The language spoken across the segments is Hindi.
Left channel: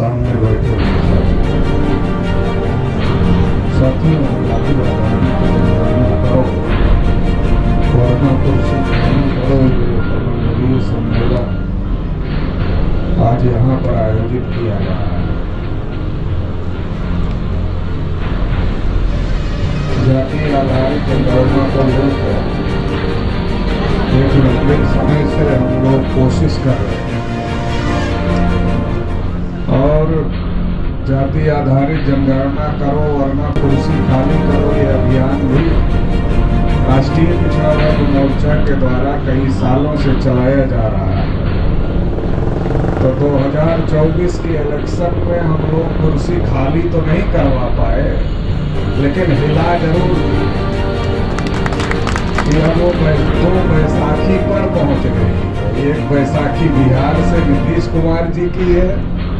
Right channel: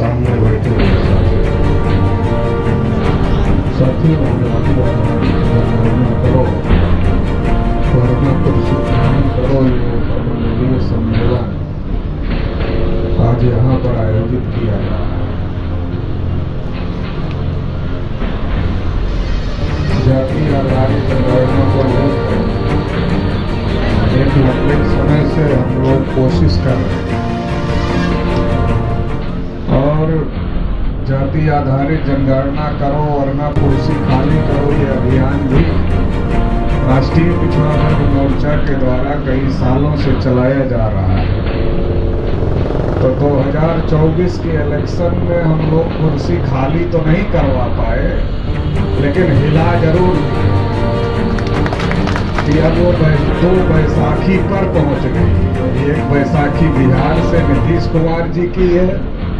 सामने बैठे हुए साथियों करो वर्णा पुरुषोत्तम करो ये ब्रह्मंडलीय सम्मेलन आज यहाँ पर आयोजित किया गया। जाति आधारित जनगणना को लेकर एक लंबे समय से हम लोग कोशिश कर रहे हैं और जाति आधारित जनगणना करो वरना कुर्सी खाली करो ये अभियान भी राष्ट्रीय पिछड़ा वर्ग मोर्चा के द्वारा कई सालों से चलाया जा रहा है। तो 2024 के इलेक्शन में हम लोग कुर्सी खाली तो नहीं करवा पाए, लेकिन हिला जरूर कि अब वो 2 बैसाखी पर पहुंच गई। एक बैसाखी बिहार से नीतीश कुमार जी की है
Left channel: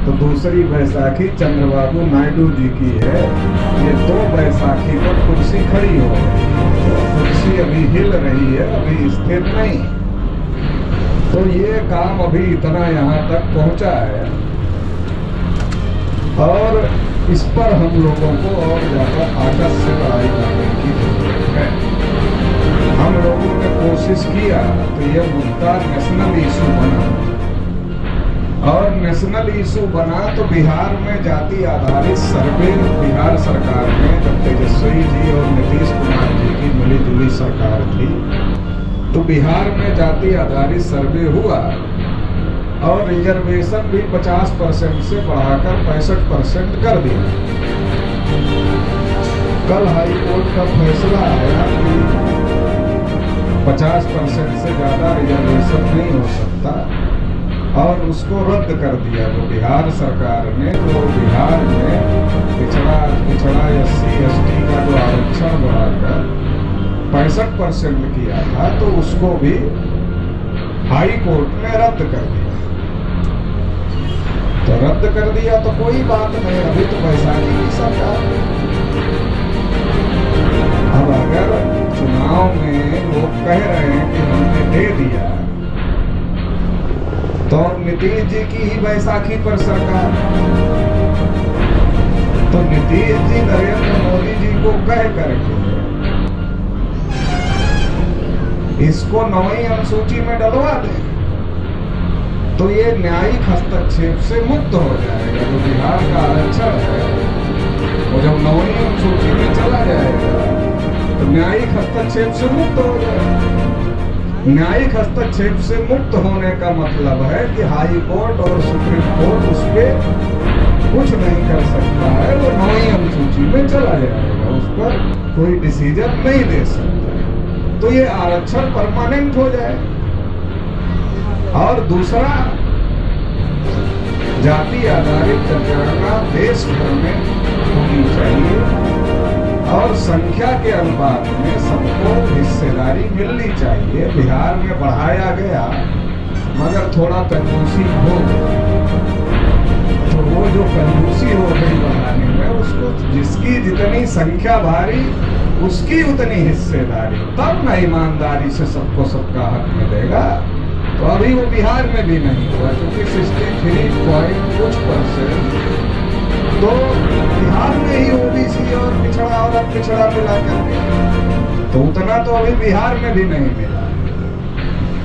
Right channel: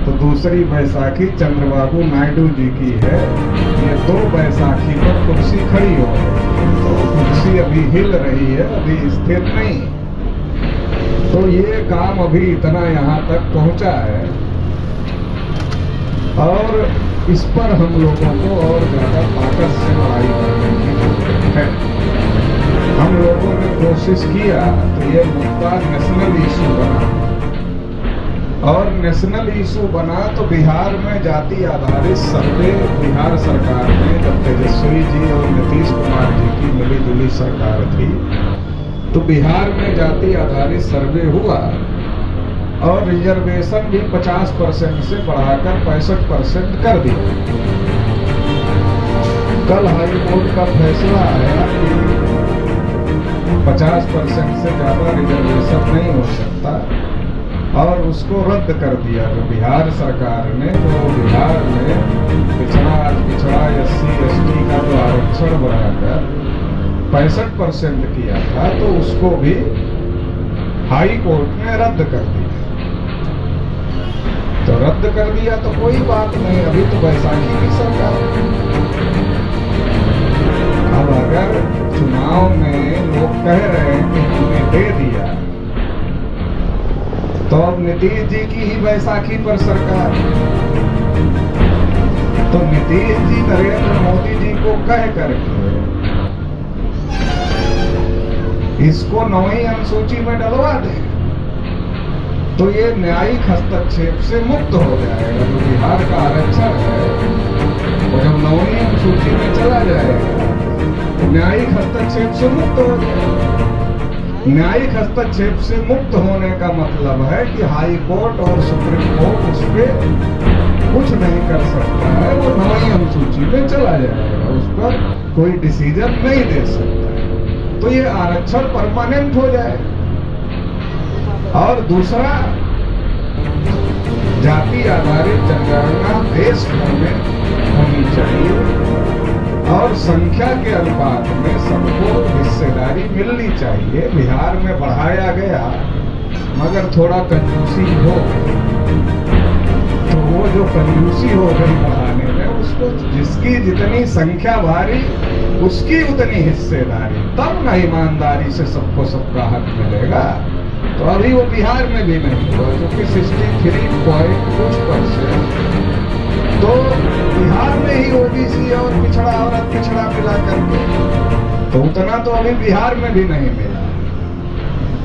तो दूसरी बैसाखी चंद्रबाबू नायडू जी की है। ये 2 बैसाखी पर कुर्सी खड़ी हो गई, तो कुर्सी अभी हिल रही है, अभी स्थिर नहीं। तो ये काम अभी इतना यहाँ तक पहुँचा है और इस पर हम लोगों को और ज़्यादा ताकत से लड़ाई करने की जरूरत है। हम लोगों ने कोशिश किया तो ये मुद्दा नेशनल इशू बना और नेशनल इशू बना तो बिहार में जाति आधारित सर्वे बिहार सरकार में जब तेजस्वी जी और नीतीश कुमार जी की मिलीजुली सरकार थी तो बिहार में जाति आधारित सर्वे हुआ और रिजर्वेशन भी 50% से बढ़ाकर 65% कर दिया। कल हाई कोर्ट का फैसला आया कि 50% से ज्यादा रिजर्वेशन नहीं हो सकता और उसको रद्द कर दिया। जो बिहार सरकार ने जो बिहार में पिछड़ा SC/ST का जो आरक्षण बढ़ाकर 65% किया था तो उसको भी हाई कोर्ट ने रद्द कर दिया। तो रद्द कर दिया तो कोई बात नहीं, अभी तो बैसाखी की सरकार। अब अगर चुनाव में लोग कह रहे हैं कि हमने दे दिया तो अब नीतीश जी की ही बैसाखी पर सरकार। तो नीतीश जी नरेंद्र मोदी जी को कह करके इसको 9वीं अनुसूची में डलवा दे तो ये न्यायिक हस्तक्षेप से मुक्त हो जाएगा। जो बिहार का आरक्षण है वो जब 9वीं अनुसूची में चला जाएगा तो न्यायिक हस्तक्षेप से मुक्त हो जाएगा। न्यायिक हस्तक्षेप से मुक्त होने का मतलब है कि हाई कोर्ट और सुप्रीम कोर्ट उस पर कुछ नहीं कर सकता है, वो 9वीं अनुसूची में चला जाएगा, उस पर कोई डिसीजन नहीं दे सकता। तो ये आरक्षण परमानेंट हो जाए। और दूसरा, जाति आधारित जनगणना देश भर में होनी चाहिए और संख्या के अनुपात में सबको हिस्सेदारी मिलनी चाहिए। बिहार में बढ़ाया गया मगर थोड़ा कंजूसी हो गई, तो वो जो कंजूसी हो गई बढ़ाने में उसको जिसकी जितनी संख्या भारी उसकी उतनी हिस्सेदारी, तब न ईमानदारी से सबको सबका हक मिलेगा। तो अभी वो बिहार में भी नहीं हुआ क्योंकि 63 पॉइंट कुछ % तो बिहार में ही OBC और पिछड़ा और पिछड़ा मिला करके, तो उतना तो अभी बिहार में भी नहीं मिला।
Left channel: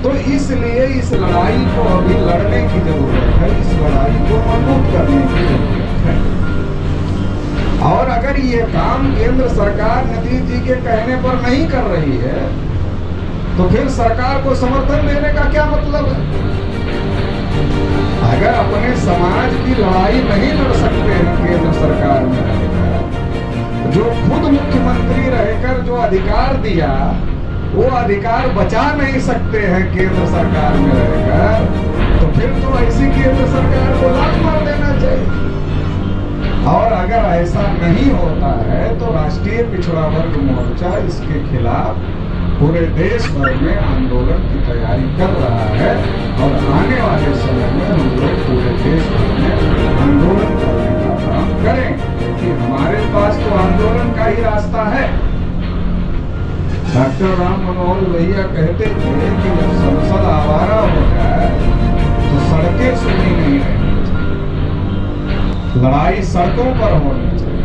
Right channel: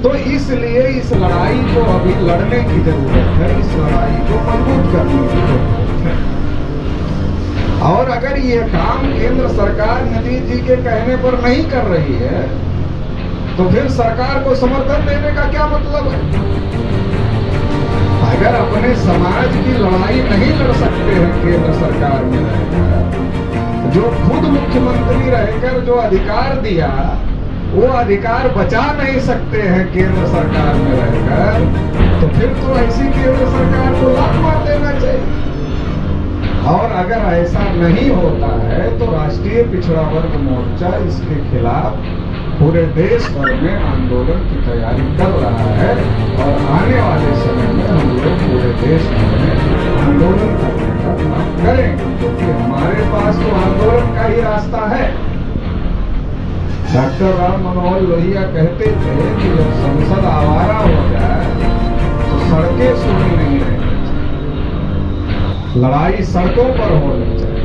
तो इसलिए इस लड़ाई को अभी लड़ने की जरूरत है, इस लड़ाई को मजबूत करने की जरूरत है। और अगर ये काम केंद्र सरकार नीतीश जी के कहने पर नहीं कर रही है तो फिर सरकार को समर्थन देने का क्या मतलब है? अगर अपने समाज की लड़ाई नहीं लड़ सकते हैं केंद्र सरकार में रहकर, जो खुद मुख्यमंत्री रहकर जो अधिकार दिया वो अधिकार बचा नहीं सकते हैं केंद्र सरकार में रहकर, तो फिर तो ऐसी केंद्र सरकार को लात मार देना चाहिए। और अगर ऐसा नहीं होता है तो राष्ट्रीय पिछड़ा वर्ग मोर्चा इसके खिलाफ पूरे देश भर में आंदोलन की तैयारी कर रहा है और आने वाले समय में हम लोग पूरे देश भर में आंदोलन करने का काम करेंगे, क्योंकि हमारे पास तो आंदोलन का ही रास्ता है। डॉक्टर राम मनोहर लोहिया कहते थे कि जब संसद आवारा हो जाए तो सड़कें सुनी नहीं रहेंगी। लड़ाई सड़कों पर होनी चाहिए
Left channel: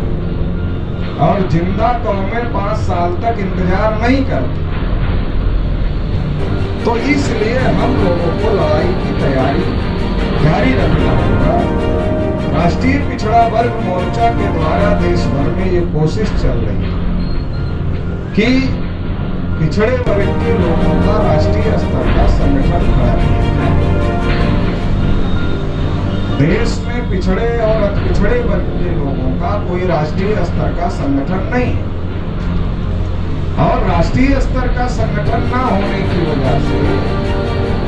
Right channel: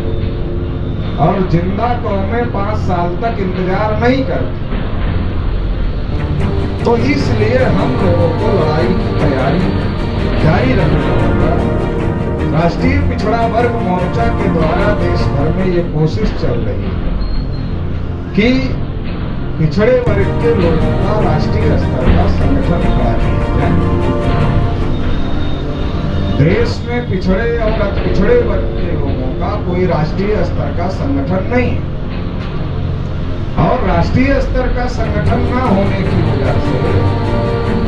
और जिंदा कौमें 5 साल तक इंतजार नहीं करती। तो इसलिए हम लोगों को लड़ाई की तैयारी जारी रखना होगा। राष्ट्रीय पिछड़ा वर्ग मोर्चा के द्वारा देश भर में ये कोशिश चल रही है कि पिछड़े वर्ग के लोगों का राष्ट्रीय स्तर का संगठन खड़ा किया जाए। देश में पिछड़े और अति पिछड़े वर्ग के लोगों का कोई राष्ट्रीय स्तर का संगठन नहीं है और राष्ट्रीय स्तर का संगठन ना होने की वजह से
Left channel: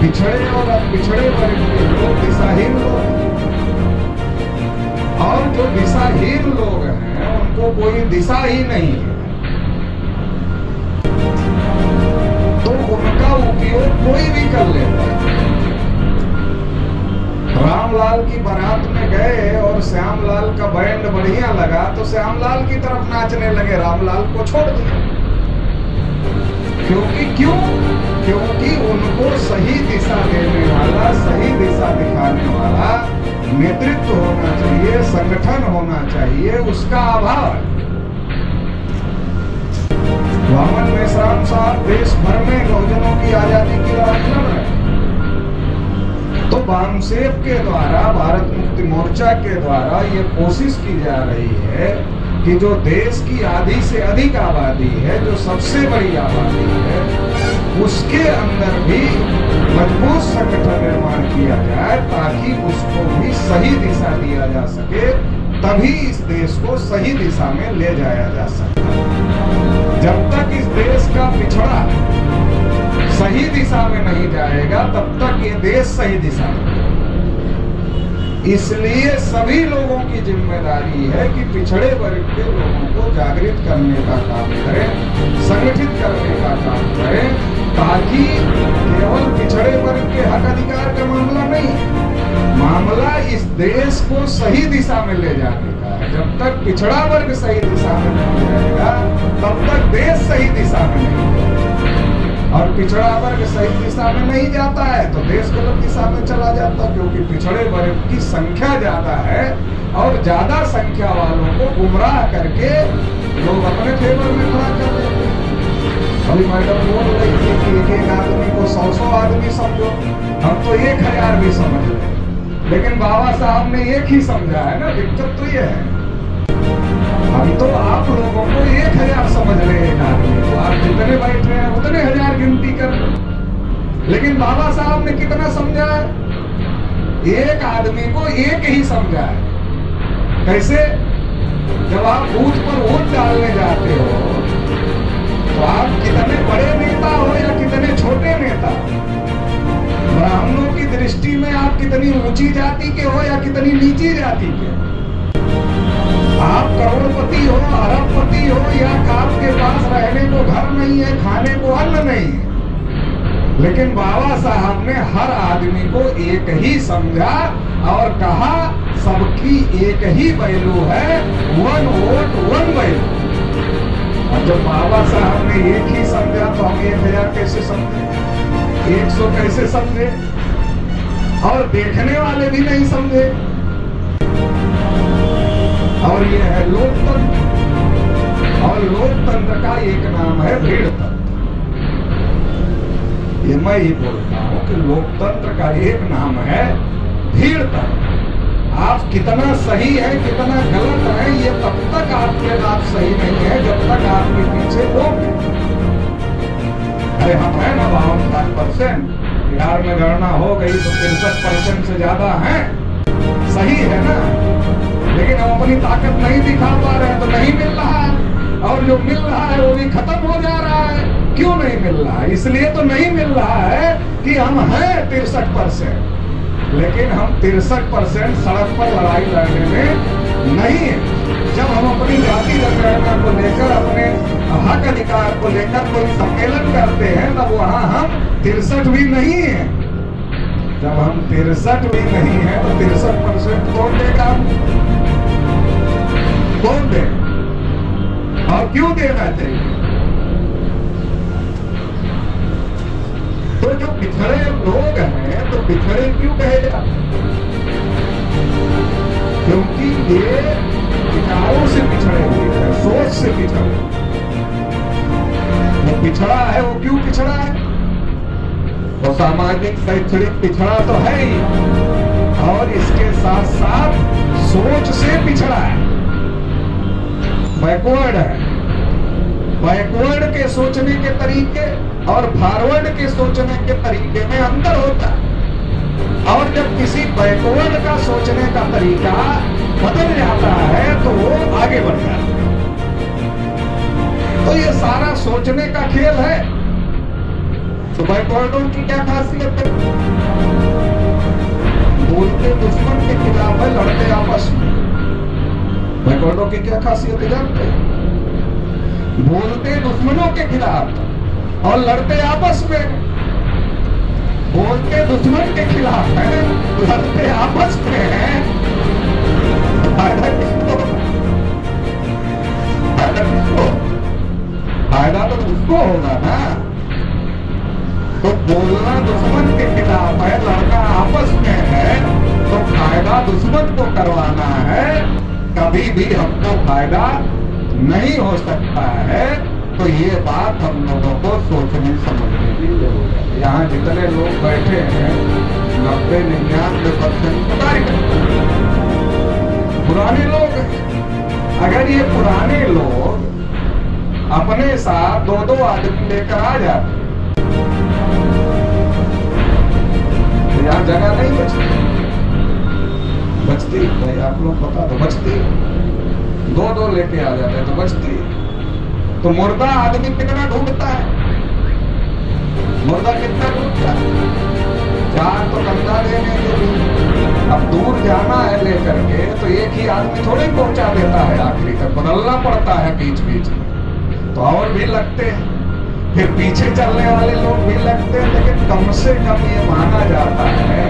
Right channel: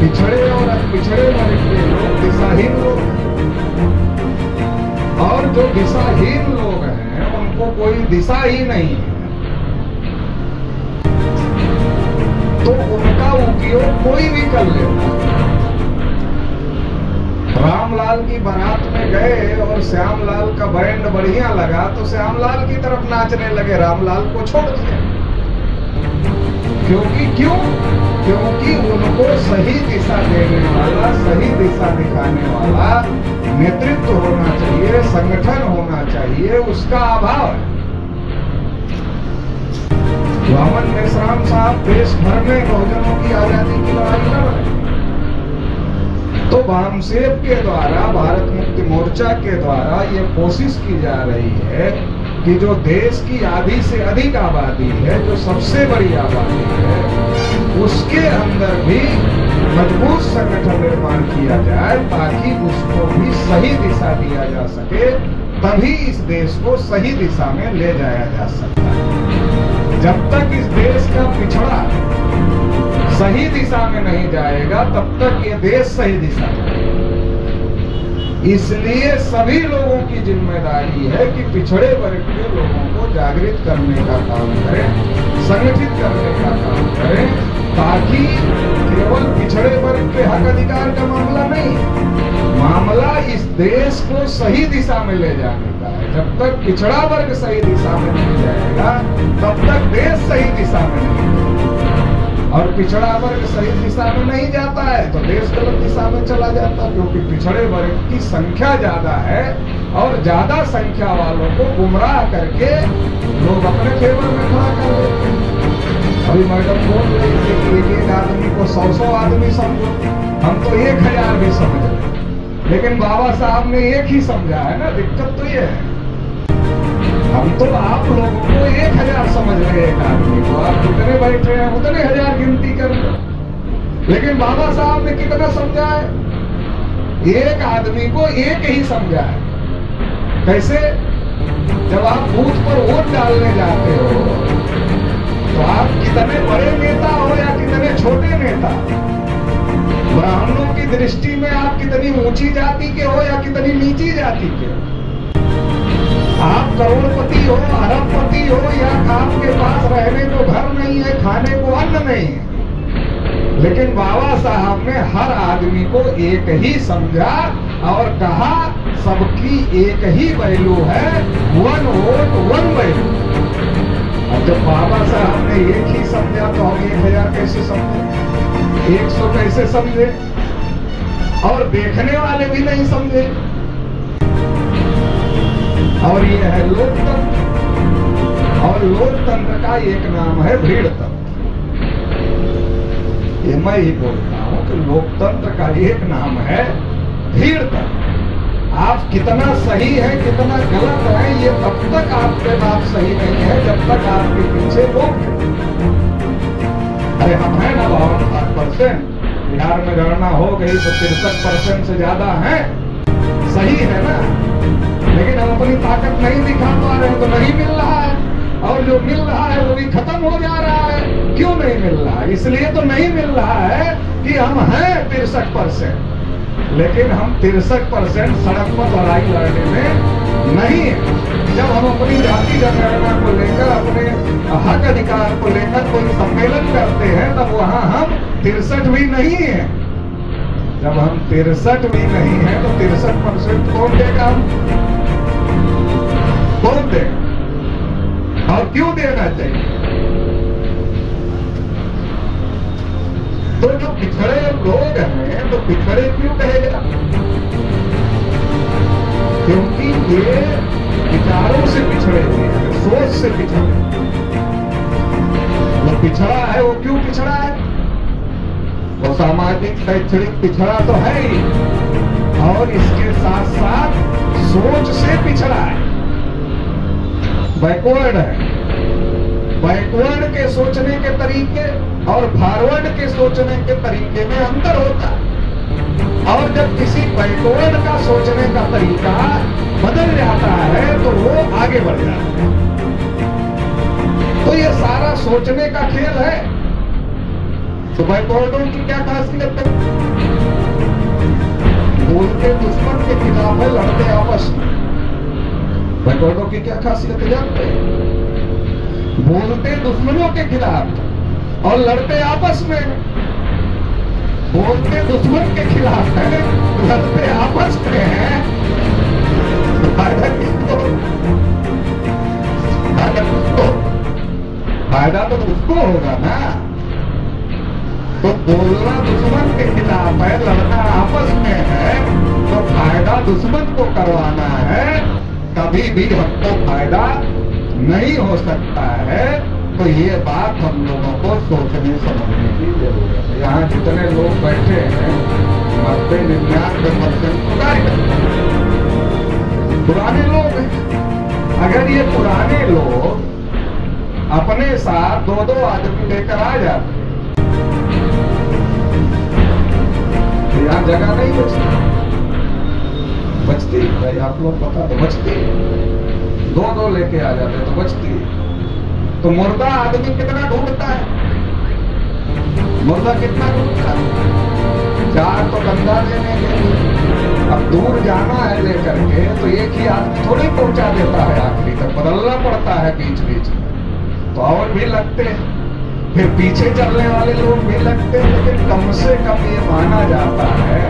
पिछड़े और अति पिछड़े वर्ग के लोग दिशाहीन लोग और जो दिशाहीन लोग हैं उनको कोई दिशा ही नहीं है, तो उनका उपयोग कोई भी कर लेता है। रामलाल की बारात में गए और श्यामलाल का बैंड बढ़िया लगा तो श्यामलाल की तरफ नाचने लगे, रामलाल को छोड़ दिया। क्योंकि उनको सही दिशा देने वाला, सही दिशा दिखाने वाला नेतृत्व होना चाहिए, संगठन होना चाहिए, उसका अभाव है। वामन मेश्राम साहब देश भर में बहुजनों की आजादी की लड़ाई लड़ रहे हैं, तो वामसेप के द्वारा, भारत मुक्ति मोर्चा के द्वारा ये कोशिश की जा रही है कि जो देश की आधी से अधिक आबादी है, जो सबसे बड़ी आबादी है, उसके अंदर भी मजबूत संगठन निर्माण किया जाए ताकि उसको भी सही दिशा दिया जा सके, तभी इस देश को सही दिशा में ले जाया जा सकता है। जब तक इस देश का पिछड़ा सही दिशा में नहीं जाएगा तब तक ये देश सही दिशा में जाएगा। इसलिए सभी लोगों की जिम्मेदारी है कि पिछड़े वर्ग के लोगों को जागृत करने का काम करें, संगठित करने का काम करें, ताकि केवल पिछड़े वर्ग के हक अधिकार का मामला नहीं, मामला इस देश को सही दिशा में ले जाने का है। जब तक पिछड़ा वर्ग सही दिशा में नहीं जाएगा तब तक देश सही दिशा में नहीं जाएगा, और पिछड़ा वर्ग सही दिशा में नहीं जाता है तो देश गलत दिशा में चला जाता है, क्योंकि पिछड़े वर्ग की संख्या ज्यादा है और ज्यादा संख्या वालों को गुमराह करके लोग अपने फेवर में खड़ा कर देते हैं। अभी मैडम बोल रही थी कि एक एक आदमी को 100 आदमी समझो, हम तो 1000 भी समझ रहे, लेकिन बाबा साहब ने एक ही समझा है ना। दिक्कत तो ये है, अभी तो आप लोगों को 1000 समझ रहे हैं एक आदमी को, आप जितने बैठे हैं उतने 1000 गिनती कर रहे, लेकिन बाबा साहब ने कितना समझा है? एक आदमी को एक ही समझा है। कैसे? जब आप बूथ पर वोट डालने जाते हो तो आप कितने बड़े नेता हो या कितने छोटे नेता, ब्राह्मणों की दृष्टि में आप कितनी ऊंची जाति के हो या कितनी नीची जाति के, आप करोड़पति हो, अरबपति हो, या आपके पास रहने को घर नहीं है, खाने को अन्न नहीं है, लेकिन बाबा साहब ने हर आदमी को एक ही समझा और कहा सबकी एक ही वैल्यू है, 1 वोट 1 वैल्यू। अब जब बाबा साहब ने एक ही समझा तो हम 1000 कैसे समझे, 100 कैसे समझे, और देखने वाले भी नहीं समझे। और ये है लोकतंत्र, और लोकतंत्र का एक नाम है भीड़ तंत्र। ये मैं ही बोलता हूं कि लोकतंत्र का एक नाम है भीड़ तंत्र। आप कितना सही है कितना गलत है ये तब तक आपके नाम सही नहीं है जब तक आपके पीछे लोग नहीं। अरे हम हैं ना 52%, बिहार में गणना हो गई तो 63% से ज्यादा है, सही है ना, लेकिन हम अपनी ताकत नहीं दिखा पा रहे हैं तो नहीं मिल रहा है, और जो मिल रहा है वो भी खत्म हो जा रहा है। क्यों नहीं मिल रहा है? इसलिए तो नहीं मिल रहा है कि हम हैं 63%, लेकिन हम 63% सड़क पर लड़ाई लड़ने में नहीं है। जब हम अपनी जाति जनगणना को लेकर, अपने हक अधिकार को लेकर कोई सम्मेलन करते हैं तब वहां हम 63 भी नहीं है। जब हम 63 भी नहीं है तो 63% कौन देगा? हम कौन दे और क्यों देना चाहिए? तो जो पिछड़े लोग हैं तो पिछड़े क्यों कहे जाते? क्योंकि ये विचारों से पिछड़े हुए हैं, सोच से पिछड़े। वो पिछड़ा है, वो क्यों पिछड़ा है? वो सामाजिक शैक्षणिक पिछड़ा तो है ही, और इसके साथ साथ सोच से पिछड़ा है, बैकवर्ड है। बैकवर्ड के सोचने के तरीके और फॉरवर्ड के सोचने के तरीके में अंतर होता है। और जब किसी बैकवर्ड का सोचने का तरीका बदल जाता है तो वो आगे बढ़ जाता है। तो ये सारा सोचने का खेल है। तो बैकवर्डों की क्या खासियत है? बोलते दुश्मन के खिलाफ है, लड़ते आपस में। बैकवर्डों की क्या खासियत है जानते हैं? बोलते दुश्मनों के खिलाफ और लड़ते आपस में। बोलते दुश्मन के खिलाफ है, लड़ते आपस में हैं। फायदा किसको? फायदा तो उसको होगा ना। तो बोलना दुश्मन के खिलाफ है, लड़ना आपस में है, तो फायदा दुश्मन को करवाना है। कभी भी हमको फायदा नहीं हो सकता है। तो ये बात हम लोगों को सोचने समझने की जरूरत है। यहाँ जितने लोग बैठे हैं 90-99% पुराने लोग हैं। अगर ये पुराने लोग अपने साथ 2-2 आदमी लेकर आ जाते तो यहाँ जगह नहीं बचती भाई, आप लोग पता तो बचती। 2-2 लेके आ जाते तो बचती। तो मुर्दा आदमी कितना ढूंढता है? मुर्दा कितना ढूंढता है? 4 तो कंधा देने के लिए। अब दूर जाना है लेकर के तो एक ही आदमी थोड़ी पहुंचा देता है, आखिरी तक बदलना पड़ता है बीच बीच में। तो और भी लगते हैं, फिर पीछे चलने वाले लोग भी लगते हैं। लेकिन कम से कम ये माना जाता है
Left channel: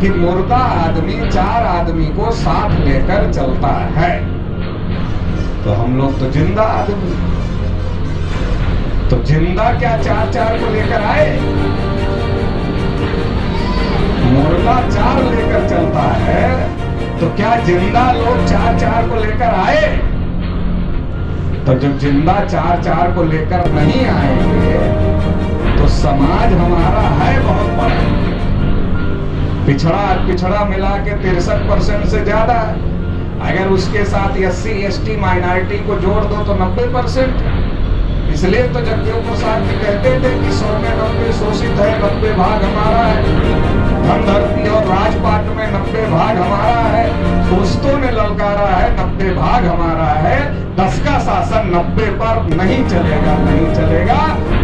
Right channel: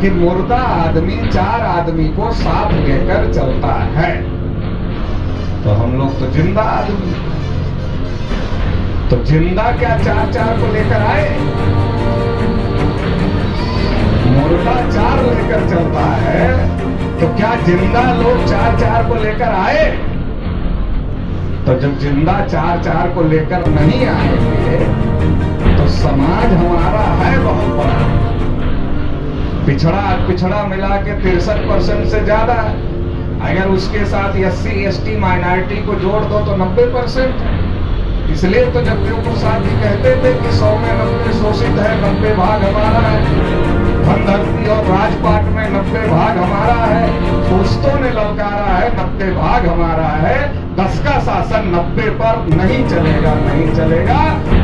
कि मुर्दा आदमी 4 आदमी को साथ लेकर चलता है। तो हम लोग तो जिंदा आदमी, तो जिंदा क्या 4-4 को लेकर आए? मुर्दा 4 लेकर चलता है, तो क्या जिंदा लोग 4-4 को लेकर आए? तो जब जिंदा 4-4 को लेकर नहीं आएंगे तो समाज हमारा है बहुत बड़ा। पिछड़ा मिला के 63% से ज्यादा है। अगर उसके साथ SC/ST माइनॉरिटी को जोड़ दो तो 90% है। इसलिए तो जगदेव प्रसाद जी कहते थे कि 100 में 90 शोषित है, 90 भाग हमारा है। धन धरती और राजपाट में 90 भाग हमारा है। दोस्तों ने ललकारा है 90 भाग हमारा है। 10 का शासन 90 पर नहीं चलेगा, नहीं चलेगा।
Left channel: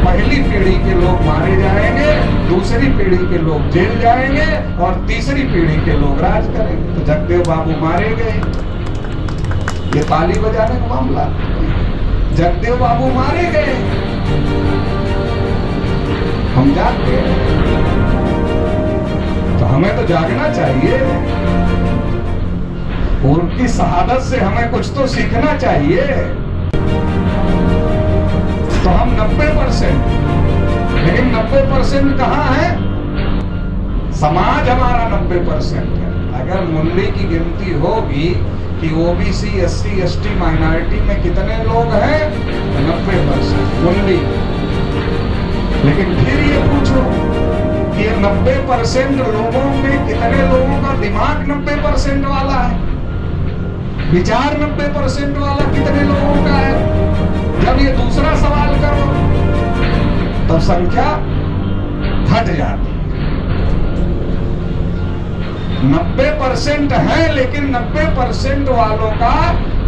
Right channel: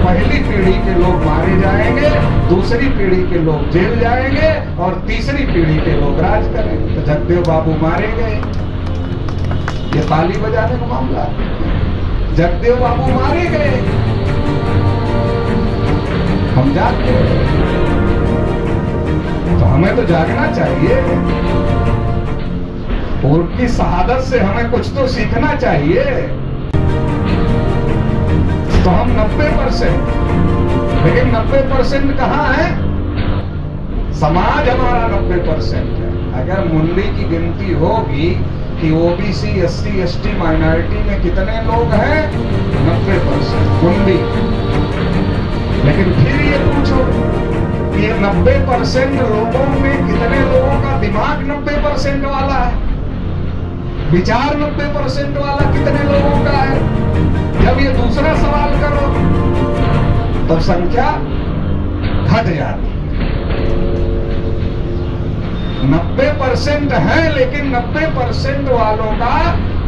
पहली पीढ़ी के लोग मारे जाएंगे, दूसरी पीढ़ी के लोग जेल जाएंगे और तीसरी पीढ़ी के लोग राज करेंगे। तो जगदेव बाबू मारे गए। ये ताली बजाने का मामला, जगदेव बाबू मारे गए, हम जागते हैं। तो हमें तो जागना चाहिए। उनकी शहादत से हमें कुछ तो सीखना चाहिए। तो हम 90%, लेकिन 90% कहाँ है? समाज हमारा 90% है। अगर मुल्ली की गिनती होगी कि OBC SC/ST माइनॉरिटी में कितने लोग हैं तो 90% मुल्ली। लेकिन फिर ये पूछो कि ये 90% लोगों में कितने लोगों का दिमाग 90% वाला है, विचार 90% वाला कितने लोगों का है? जब ये दूसरा सवाल करो तब संख्या घट जाती। 90% है, लेकिन 90% वालों का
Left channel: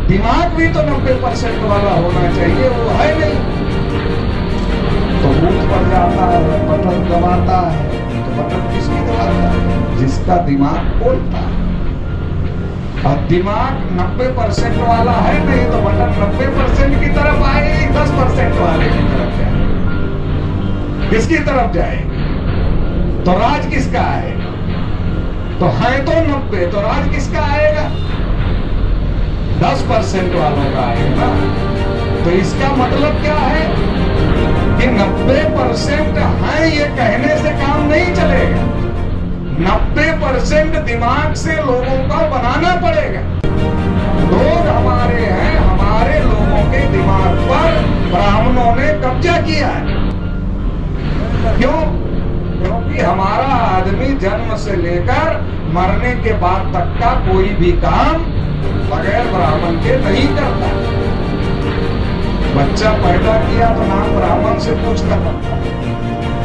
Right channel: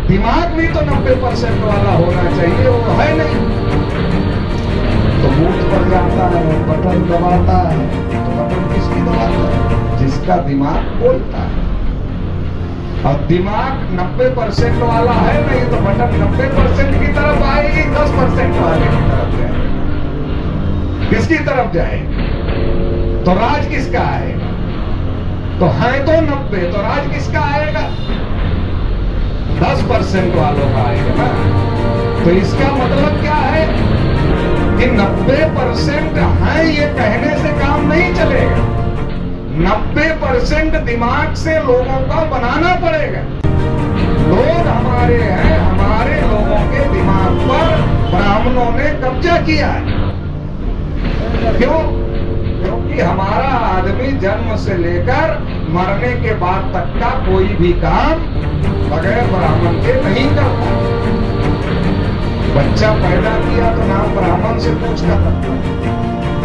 दिमाग भी तो 90% वाला होना चाहिए, वो है नहीं। तो बूथ पर जाता है, बटन दबाता है, तो बटन किसकी दबाता है? जिसका दिमाग बोलता है। और दिमाग 90% वाला है नहीं तो बटन 90% की तरफ आएगी, 10% वाले की तरफ जाएगी। किसकी तरफ जाएगी? तो राज किसका आएगा? तो है तो 90, तो राज किसका आएगा? 10% वालों का आएगा ना। तो इसका मतलब क्या है कि 90% है ये कहने से काम नहीं चलेगा। 90% दिमाग से लोगों का बनाना पड़ेगा। क्यों? क्योंकि हमारा आदमी जन्म से लेकर मरने के बाद तक का कोई भी काम बगैर ब्राह्मण के नहीं करता। बच्चा पैदा किया तो नाम ब्राह्मण से पूछ कर रखता है।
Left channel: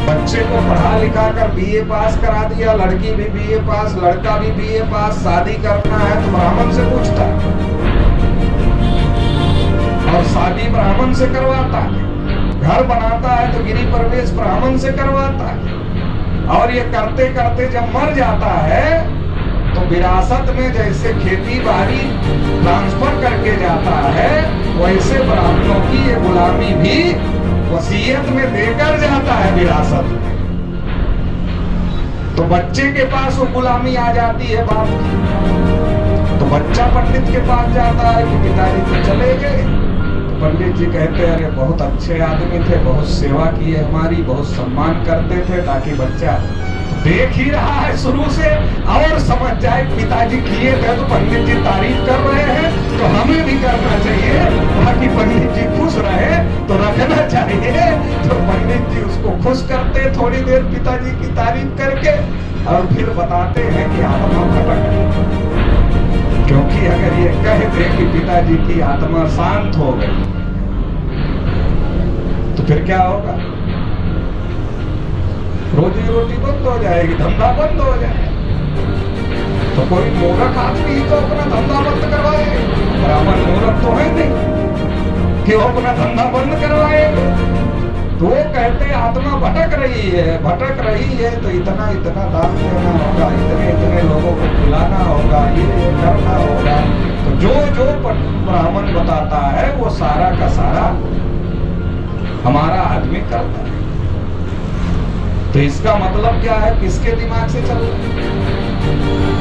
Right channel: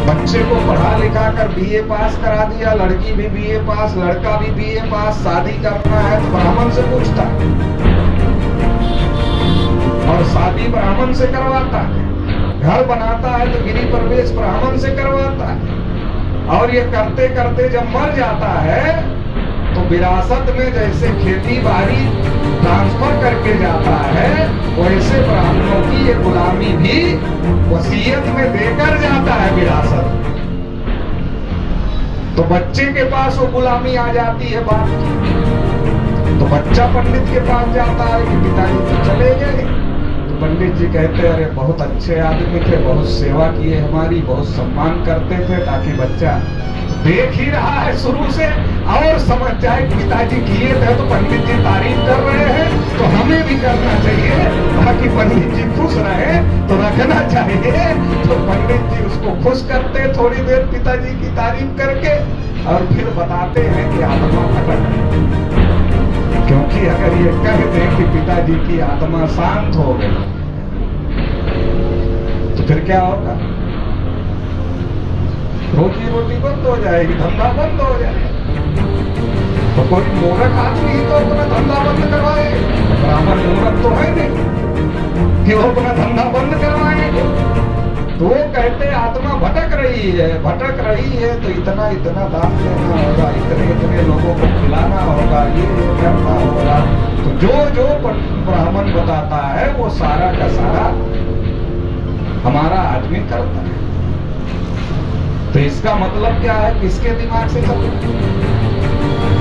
बच्चे को पढ़ा लिखा कर बीए पास करा दिया, लड़की भी बीए पास, लड़का भी बीए पास, शादी करना है तो ब्राह्मण से पूछता है और शादी ब्राह्मण से करवाता है। घर बनाता है तो गिरी प्रवेश ब्राह्मण से करवाता है। और ये करते करते जब मर जाता है तो विरासत में जैसे खेती बाड़ी ट्रांसफर करके जाता है, वैसे ब्राह्मणों की ये गुलामी भी वसीयत में देकर जाता है विरासत। तो बच्चे के पास वो गुलामी आ जाती है बाप की। तो बच्चा पंडित के पास जाता है कि पिताजी तो चले गए। तो पंडित जी कहते हैं अरे बहुत अच्छे आदमी थे, बहुत सेवा किए हमारी, बहुत सम्मान करते थे, ताकि बच्चा देख ही रहा है शुरू से और समझ जाए पिताजी किए थे तो पंडित जी तारीफ कर रहे हैं तो हमें भी करना चाहिए, ताकि पंडित जी खुश रहे तो रखना चाहिए। तो पंडित जी उसको खुश करते थोड़ी देर पिताजी की तारीफ करके, और फिर बताते हैं कि आत्मा भटक है। क्योंकि अगर ये कह दें कि पिताजी की आत्मा शांत हो गई तो फिर क्या होगा? रोजी रोटी बंद हो जाएगी, धंधा बंद हो जाएगा। तो कोई मूर्ख आदमी ही तो अपना धंधा बंद करवाए। ब्राह्मण मूर्ख तो है नहीं कि वो अपना धंधा बंद करवाएंगे। तो वो कहते आत्मा भटक रही है तो इतना इतना दान देना होगा, इतने इतने लोगों को खिलाना होगा, ये करना होगा। तो जो ब्राह्मण बताता है वो सारा का सारा हमारा आदमी करता है। तो इसका मतलब क्या है? किसके दिमाग से चल रहा है?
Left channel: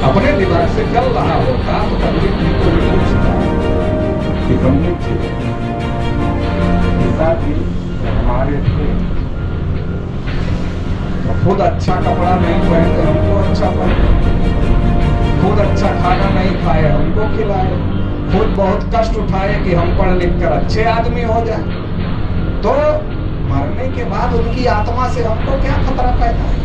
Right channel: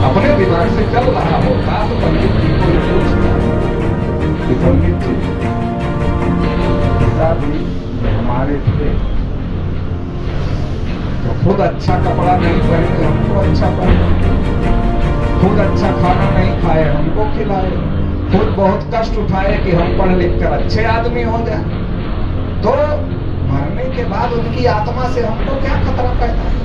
अपने दिमाग से चल रहा होता तो पंडित जी को ये पूछता कि पंडित जी पिताजी हमारे थे तो खुद अच्छा कपड़ा नहीं पहने, हमको अच्छा पहने, खुद अच्छा खाना नहीं खाए, हमको खिलाए, खुद बहुत कष्ट उठाए कि हम पढ़ लिख कर अच्छे आदमी हो जाए। तो मरने के बाद उनकी आत्मा से हमको क्या खतरा पैदा है?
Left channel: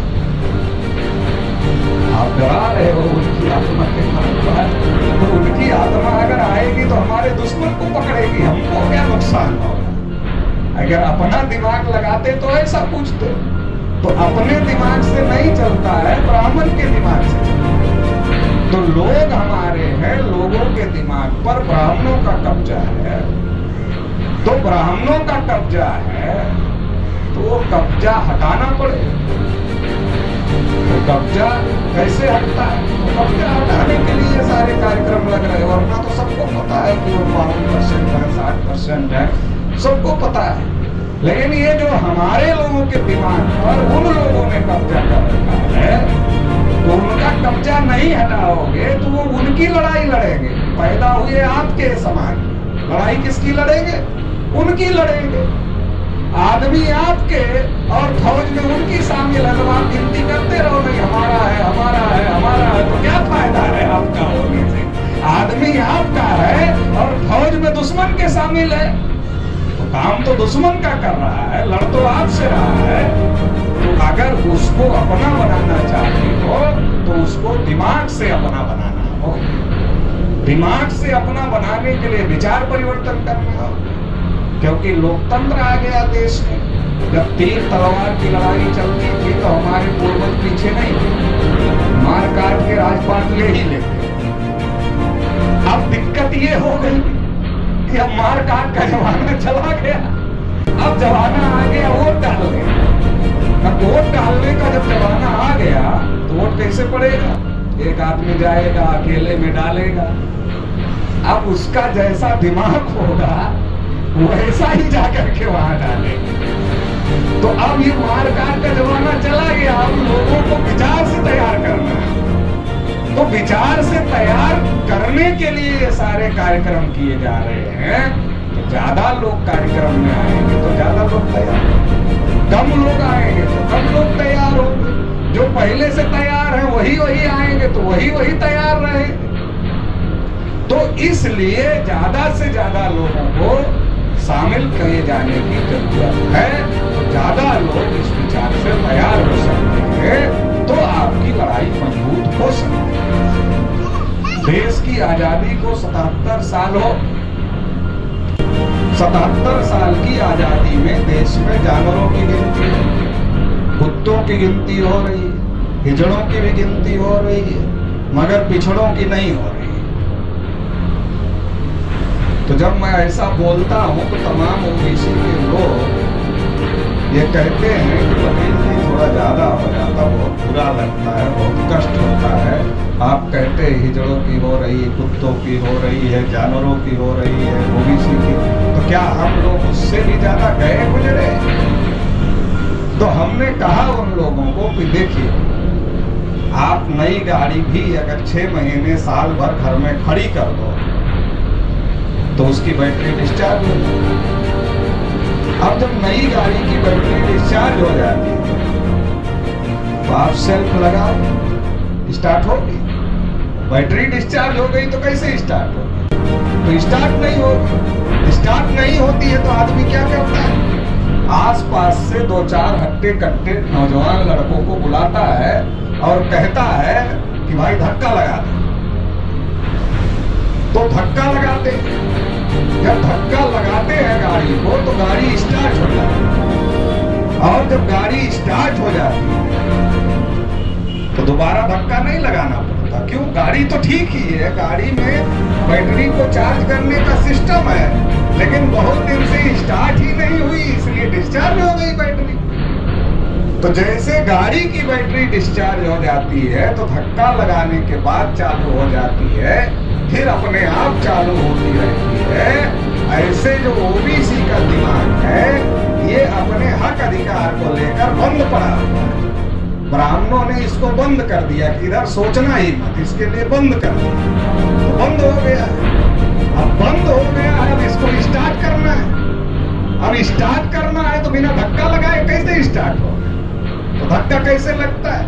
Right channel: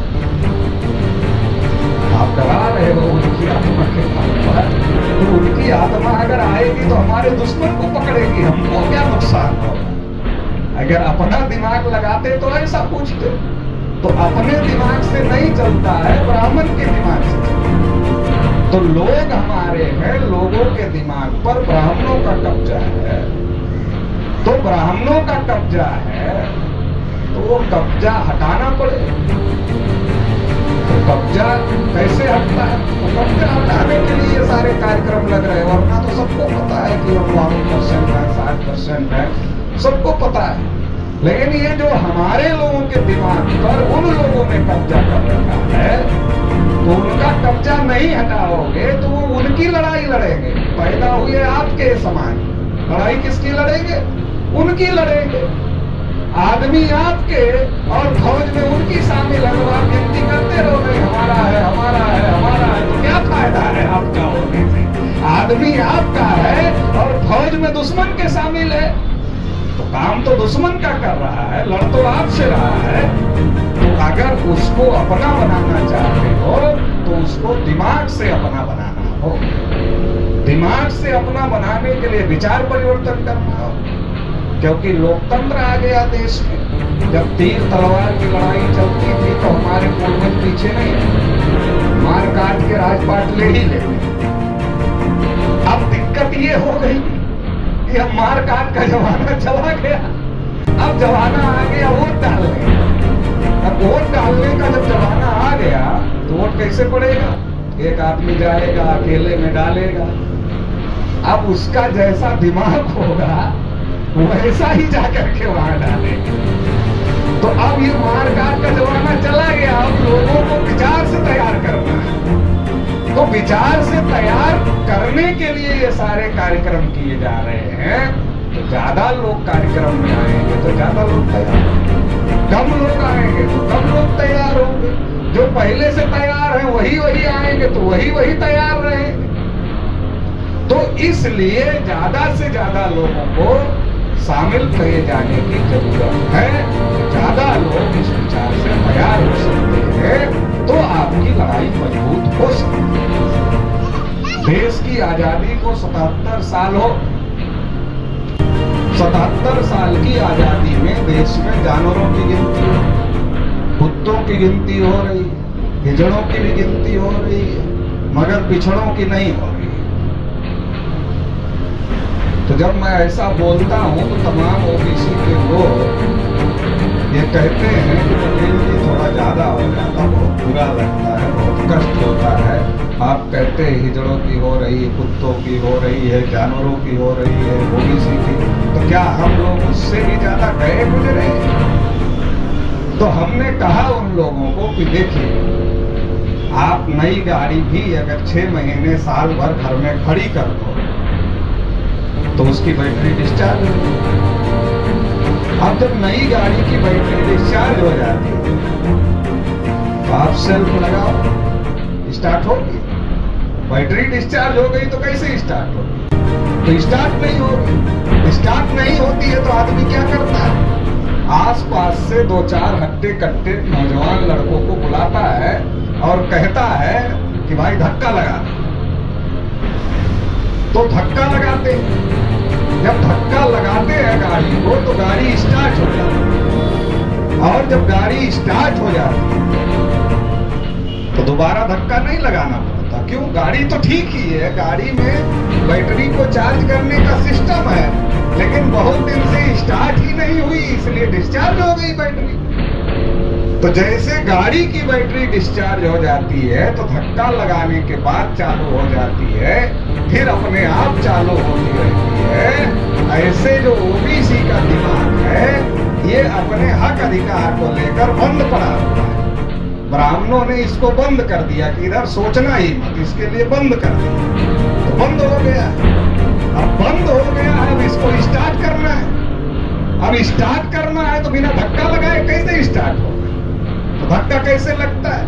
आप डरा रहे हो उनकी आत्मा के बाद, तो उनकी आत्मा अगर आएगी तो हमारे दुश्मन को पकड़ेगी, हमको क्या नुकसान होगा? अगर अपना दिमाग लगाते तो ऐसा पूछते। तो अपने दिमाग से नहीं चलता है, ब्राह्मण के दिमाग से। तो लोग हमारे हैं, लोगों के दिमाग पर ब्राह्मणों का कब्जा है। तो ब्राह्मणों का कब्जा है तो वो कब्जा हटाना पड़े। तो कब्जा कैसे हटता है? तो कब्जा हटाने के लिए सारे कार्यक्रम लग रहे हैं, वरना तो सबको पता है कि वो 52% है, 60% है, सबको पता है। लेकिन ये जो हमारे लोगों के दिमाग पर उन लोगों ने कब्जा कर रखा है, तो उनका कब्जा नहीं हटाओगे तो वो उनकी लड़ाई लड़ेंगे। पैदा हुए आपके समान, लड़ाई किसकी लड़ेंगे? उनकी लड़ेंगे। आदमी आपके और फौज में उनकी शामिल है। तो आप गिनती करते रहो नहीं हमारा है, हमारा है, हमारा है, तो क्या फायदा है आपका होने से? आदमी आपका है और फौज में दुश्मन के शामिल है, तो काम तो दुश्मन का कर रहा है, लड़ तो आपसे रहा है। तो अगर उसको अपना बनाना चाहते हो तो उसको दिमाग से अपना बनाना हो। दिमाग से अपना बनाने के लिए विचार परिवर्तन करना हो। क्योंकि लोकतंत्र आ गया देश में। जब तीर तलवार की लड़ाई चलती थी तो हमारे पूर्वज पीछे नहीं थे, मार काट के राजपाट ले ही लेते। अब दिक्कत ये हो गई कि अब मार काट का जमाना चला गया, अब जमाना आ गया वोट डालने। अब वोट डालने का जब जमाना आ गया तो वोट कैसे पड़ेगा? एक आदमी जाएगा अकेले में डालेगा। अब उसका जैसा दिमाग होगा वैसा ही जाकर के वहां डाले। तो अब ये मार काट का जमाना चला गया, अब लोगों को विचार से तैयार करना है। तो विचार से तैयार करने के लिए ये सारे कार्यक्रम किए जा रहे हैं। तो ज्यादा लोग कार्यक्रम में आएंगे तो ज्यादा लोग तैयार, कम लोग आएंगे तो कम लोग तैयार होंगे। जो पहले से तैयार हैं वही आएंगे तो वही तैयार रहेंगे। तो इसलिए ज्यादा से ज्यादा लोगों को शामिल किए जाने की जरूरत है। तो ज्यादा लोग इस विचार से तैयार हो सकते हैं तो आपकी लड़ाई मजबूत हो सकती है। देश की आजादी को 77 साल हो, 77 साल की आजादी में देश में जानवरों की गिनती हो, कुत्तों की गिनती हो रही है, हिजड़ों की भी गिनती हो रही है, मगर पिछड़ों की नहीं हो रही है। तो जब मैं ऐसा बोलता हूं तो तमाम ओबीसी के लोग ये कहते हैं कि पटेल जी थोड़ा ज्यादा हो जाता, बहुत बुरा लगता है, बहुत कष्ट होता है। आप कहते हैं हिजड़ों की हो रही है, कुत्तों की हो रही है, जानवरों की हो रही है, ओबीसी की, तो क्या हम लोग उससे भी ज्यादा गए गुजरे? तो हमने कहा उन लोगों को कि देखिए, आप नई गाड़ी भी अगर 6 महीने साल भर घर में खड़ी कर दो तो उसकी बैटरी डिस्चार्ज हो जाती है। अब जब नई गाड़ी की बैटरी डिस्चार्ज हो जाती है तो आप सेल्फ लगाओ, स्टार्ट होगी। बैटरी डिस्चार्ज हो गई तो कैसे स्टार्ट होगी? तो स्टार्ट नहीं होगी। स्टार्ट नहीं होती है तो आदमी क्या करता है? आसपास से 2-4 हट्टे कट्टे नौजवान लड़कों को बुलाता है और कहता है कि भाई धक्का लगा दे। तो धक्का लगाते, जब धक्का लगाते हैं गाड़ी को तो गाड़ी स्टार्ट हो जाती है, और जब गाड़ी स्टार्ट हो जाती है तो दोबारा धक्का नहीं लगाना पड़ता। क्यों? गाड़ी तो ठीक ही है, गाड़ी में बैटरी को चार्ज करने का सिस्टम है, लेकिन बहुत दिन से स्टार्ट ही नहीं हुई, इसलिए डिस्चार्ज हो गई बैटरी। तो जैसे गाड़ी की बैटरी डिस्चार्ज हो जाती है तो धक्का लगाने के बाद चालू हो जाती है, फिर अपने आप चालू होती रहती है। ऐसे जो ओबीसी का दिमाग है ये अपने हक अधिकार को लेकर बंद पड़ा हुआ है। ब्राह्मणों ने इसको बंद कर दिया कि इधर सोचना ही मत, इसके लिए बंद कर दिया, तो बंद हो गया। अब बंद हो गया, अब इसको स्टार्ट करना है। अब स्टार्ट करना है तो बिना धक्का लगाए कैसे स्टार्ट होगा? तो धक्का कैसे लगता है?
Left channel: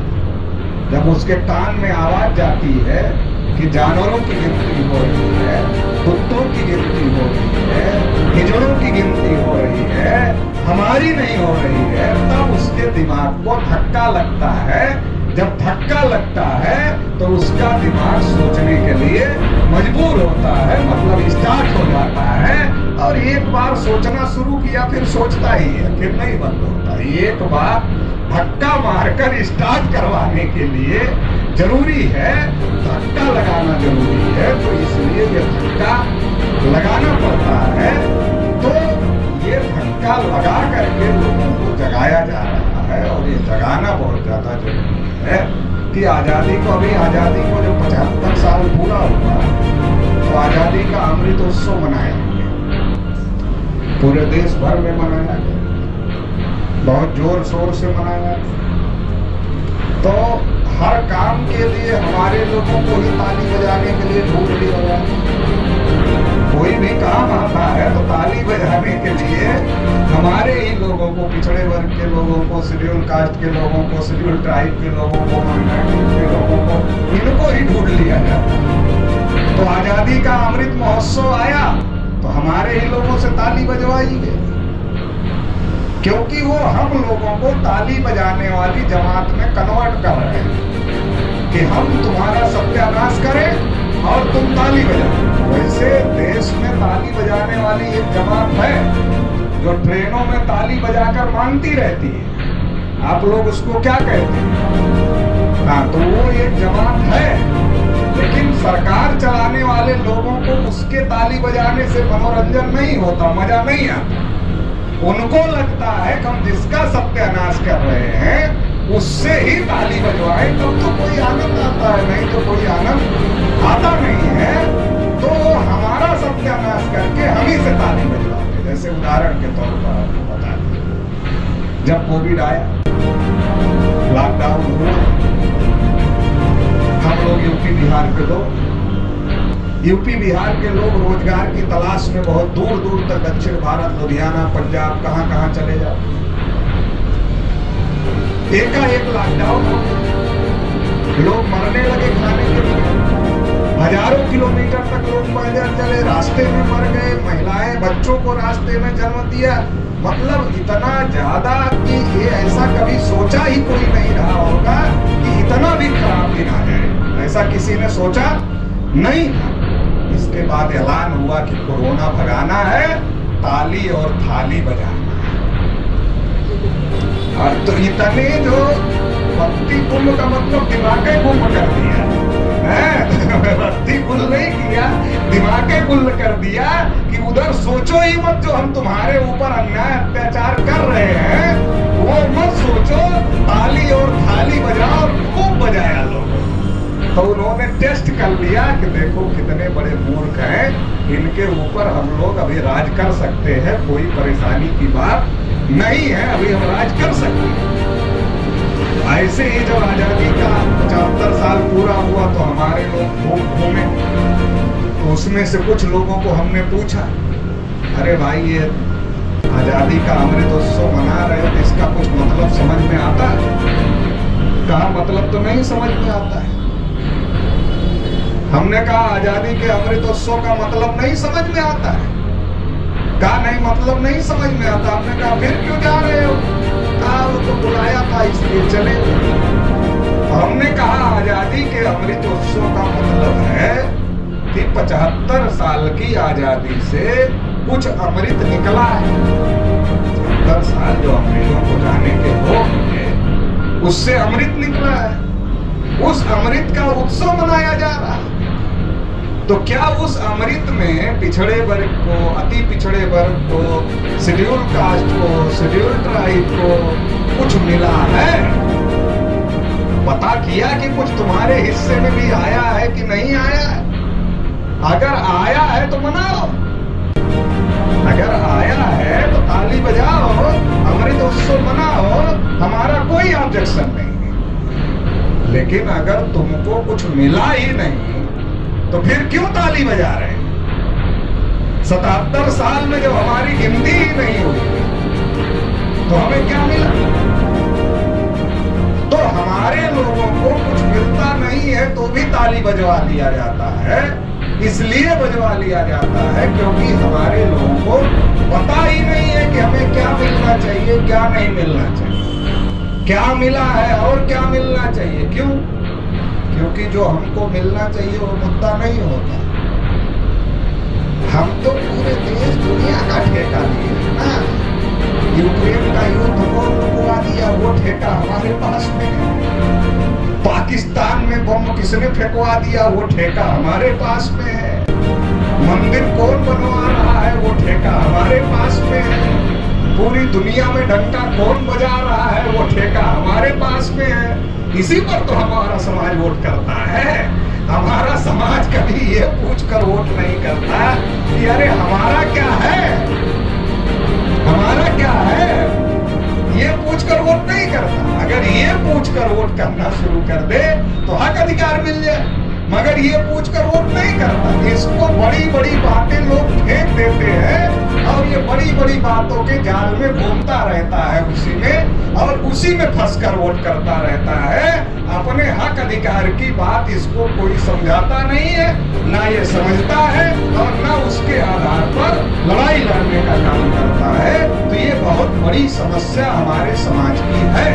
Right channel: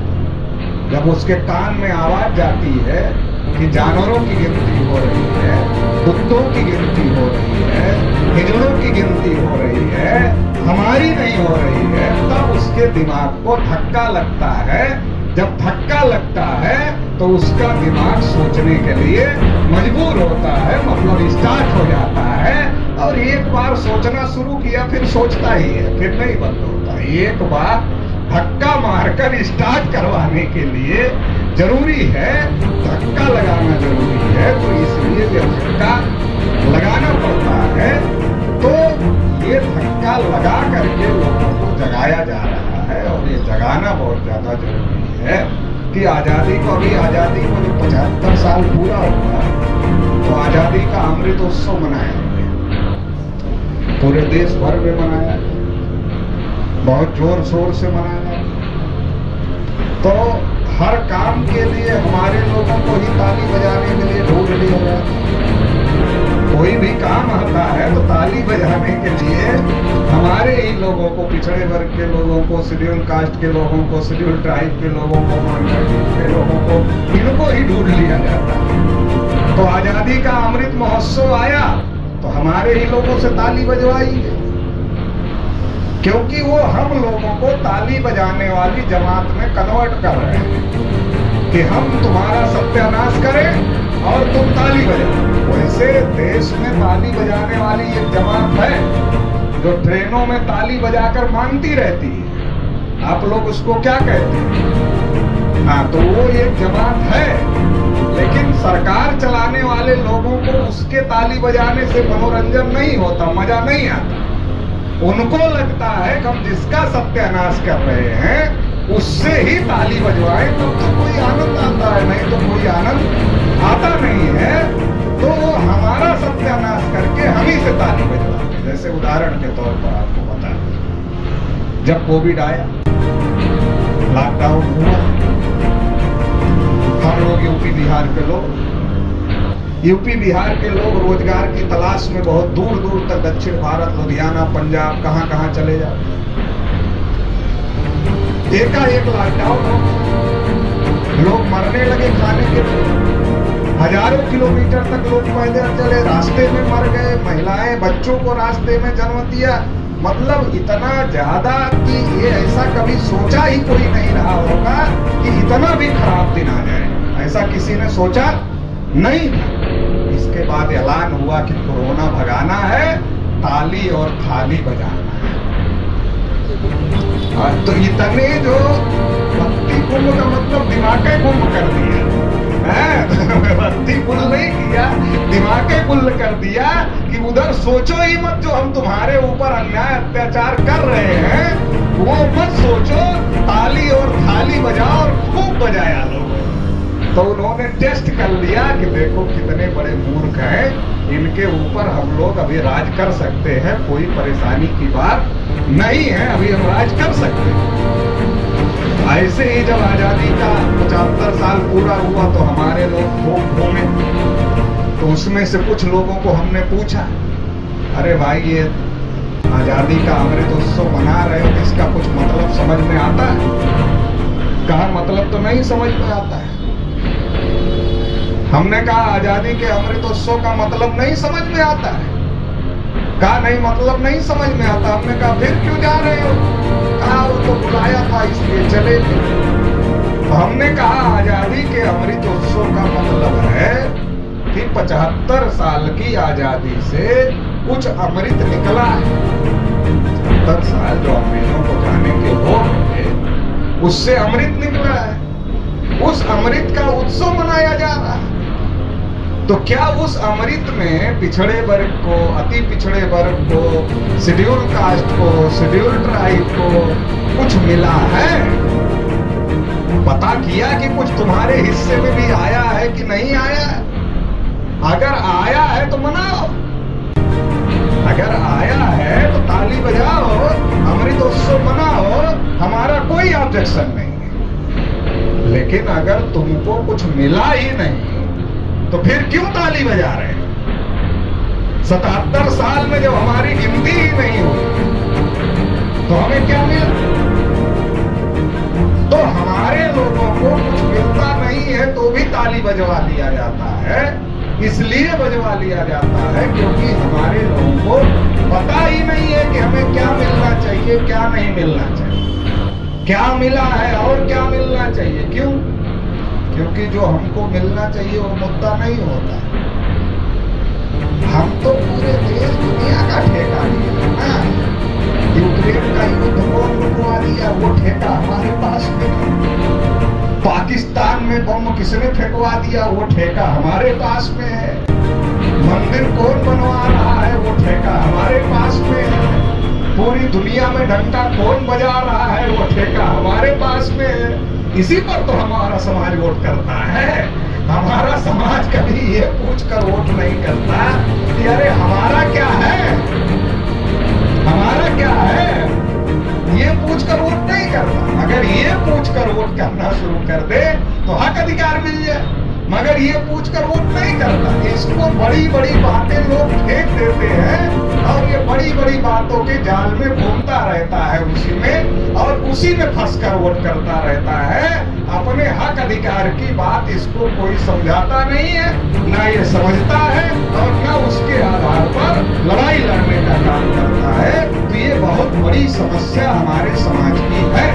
जब उसके कान में आवाज जाती है कि जानवरों की गिनती हो रही है, कुत्तों की गिनती हो रही है, हिजड़ों की गिनती हो रही है, हमारी नहीं हो रही है, तब उसके दिमाग को धक्का लगता है। जब धक्का लगता है तो उसका दिमाग सोचने के लिए मजबूर होता है, मतलब स्टार्ट हो जाता है। और एक बार सोचना शुरू किया फिर सोचता ही है, फिर नहीं बंद होता। एक बार धक्का मारकर स्टार्ट करवाने के लिए जरूरी है, धक्का लगाना जरूरी है, तो इसलिए ये धक्का लगाना पड़ता है। तो ये धक्का लगा करके लोगों को जगाया जा रहा है, और ये जगाना बहुत ज्यादा जरूरी है कि आजादी को, अभी आजादी को जब 75 साल पूरा हुआ तो आजादी का अमृत उत्सव मनाया गया, पूरे देश भर में मनाया गया, बहुत जोर शोर से मनाया। तो हर काम के लिए हमारे लोगों को ही ताली बजाने के लिए ढूंढ लिया जाता है। कोई भी काम आता है तो ताली बजाने के लिए हमारे ही लोगों को, पिछड़े वर्ग के लोगों को, शेड्यूल कास्ट के लोगों को, शेड्यूल ट्राइब के लोगों को, माइनॉरिटी के लोगों को, इनको ही ढूंढ लिया जाता है। तो आजादी का अमृत महोत्सव आया तो हमारे ही लोगों से ताली बजवाई गई, क्योंकि वो हम लोगों को ताली बजाने वाली जमात में कन्वर्ट कर रहे हैं कि हम तुम्हारा सत्यानाश करें और तुम ताली बजाओ। वैसे देश में ताली बजाने वाली एक जमात है जो ट्रेनों में ताली बजाकर मांगती रहती है। आप लोग उसको क्या कहते हैं? हाँ, तो वो एक जमात है, लेकिन सरकार चलाने वाले लोगों को उसके ताली बजाने से मनोरंजन नहीं होता, मजा नहीं आता। उनको लगता है कि हम जिसका सत्यानाश कर रहे हैं उससे ही ताली बजवाएं, तब तो कोई आनंद आता है, नहीं तो कोई आनंद आता नहीं है। तो वो हमारा सत्यानाश करके हम ही से ताली बजवाते। जैसे उदाहरण के तौर पर आपको बता दें, जब कोविड आया, लॉकडाउन हुआ, हम लोग यूपी बिहार के लोग रोजगार की तलाश में बहुत दूर दूर तक दक्षिण भारत, लुधियाना, पंजाब, कहां कहां चले जाते। एकाएक लॉकडाउन हो, लोग मरने लगे खाने के लिए। हजारों किलोमीटर तक लोग पैदल चले, रास्ते में मर गए, महिलाएं बच्चों को रास्ते में जन्म दिया। मतलब इतना ज्यादा कि ये ऐसा कभी सोचा ही कोई नहीं रहा होगा कि इतना भी खराब दिन आ जाए, ऐसा किसी ने सोचा नहीं था। इसके बाद ऐलान हुआ कि कोरोना भगाना है, ताली और थाली बजाना है। और तो इतने जो भक्ति कुंभ का मतलब दिमाग ही कुंभ कर दिया, भक्ति कुल नहीं किया, दिमाग कुल कर दिया कि उधर सोचो ही मत, जो हम तुम्हारे ऊपर अन्याय अत्याचार कर रहे हैं वो मत सोचो, ताली और थाली बजाओ। और खूब बजाया लोगों। तो उन्होंने टेस्ट कर लिया कि देखो कितने बड़े मूर्ख हैं, इनके ऊपर हम लोग अभी राज कर सकते हैं, कोई परेशानी की बात नहीं है, अभी हम राज कर सकते हैं। ऐसे ही जब आजादी का 75 साल पूरा हुआ तो हमारे लोग खूब घूमे। तो उसमें से कुछ लोगों को हमने पूछा, अरे भाई ये आजादी का अमृतोत्सव मना रहे हो तो इसका कुछ मतलब समझ में आता है? कहा मतलब तो नहीं समझ में आता है। हमने कहा आजादी के अमृतोत्सव का मतलब नहीं समझ में आता है। कहा नहीं मतलब नहीं समझ में आता। हमने कहा फिर क्यों जा रहे हो? कहा उसको बुलाया था इसलिए चले। तो हमने कहा आजादी के अमृतोत्सव का मतलब है कि 75 साल की आजादी से कुछ अमृत निकला है। 70 साल जो अंग्रेजों को जाने के भोग होंगे उससे अमृत निकला है, उस अमृत का उत्सव मनाया जा रहा है। तो क्या उस अमृत में पिछड़े वर्ग को, अति पिछड़े वर्ग को, शेड्यूल कास्ट को, शेड्यूल ट्राइब को कुछ मिला है? पता किया कि कुछ तुम्हारे हिस्से में भी आया है कि नहीं आया है? अगर आया है तो मनाओ, अगर आया है तो ताली बजाओ, अमृतोत्सव मनाओ, हमारा कोई ऑब्जेक्शन नहीं। लेकिन अगर तुमको कुछ मिला ही नहीं तो फिर क्यों ताली बजा रहे? 77 साल में जब हमारी गिनती ही नहीं हुई तो हमें क्या मिला? तो हमारे लोगों को कुछ मिलता नहीं है तो भी ताली बजवा लिया जाता है। इसलिए बजवा लिया जाता है क्योंकि हमारे लोगों को पता ही नहीं है कि हमें क्या मिलना चाहिए, क्या नहीं मिलना चाहिए, क्या मिला है और क्या मिलना चाहिए। क्यों? क्योंकि जो हमको मिलना चाहिए वो मुद्दा नहीं होता। हम तो पूरे देश दुनिया का ठेका लिए ना। यूक्रेन का युद्ध कौन रुकवा दिया? वो ठेका हमारे पास में है। पाकिस्तान में बम किसने फेंकवा दिया? वो ठेका हमारे पास में है। मंदिर कौन बनवा रहा है? वो ठेका हमारे पास में है। पूरी दुनिया में घंटा कौन बजा रहा है? वो ठेका हमारे पास में है। इसी पर तो हमारा समाज वोट करता है। हमारा समाज कभी ये पूछकर वोट नहीं करता कि अरे हमारा क्या है, हमारा क्या है, ये पूछकर वोट नहीं करता। अगर ये पूछकर वोट करना शुरू कर दे तो हक अधिकार मिल जाए, मगर ये पूछकर वोट नहीं करता। इसको बड़ी बड़ी बातें लोग फेंक देते हैं और ये बड़ी बड़ी बातों के जाल में घूमता रहता है, उसी में और उसी में फंसकर वोट करता रहता है। अपने हक अधिकार की बात इसको कोई समझाता नहीं है, ना ये समझता है और ना उसके आधार पर लड़ाई लड़ने का काम करता है। तो ये बहुत बड़ी समस्या हमारे समाज की है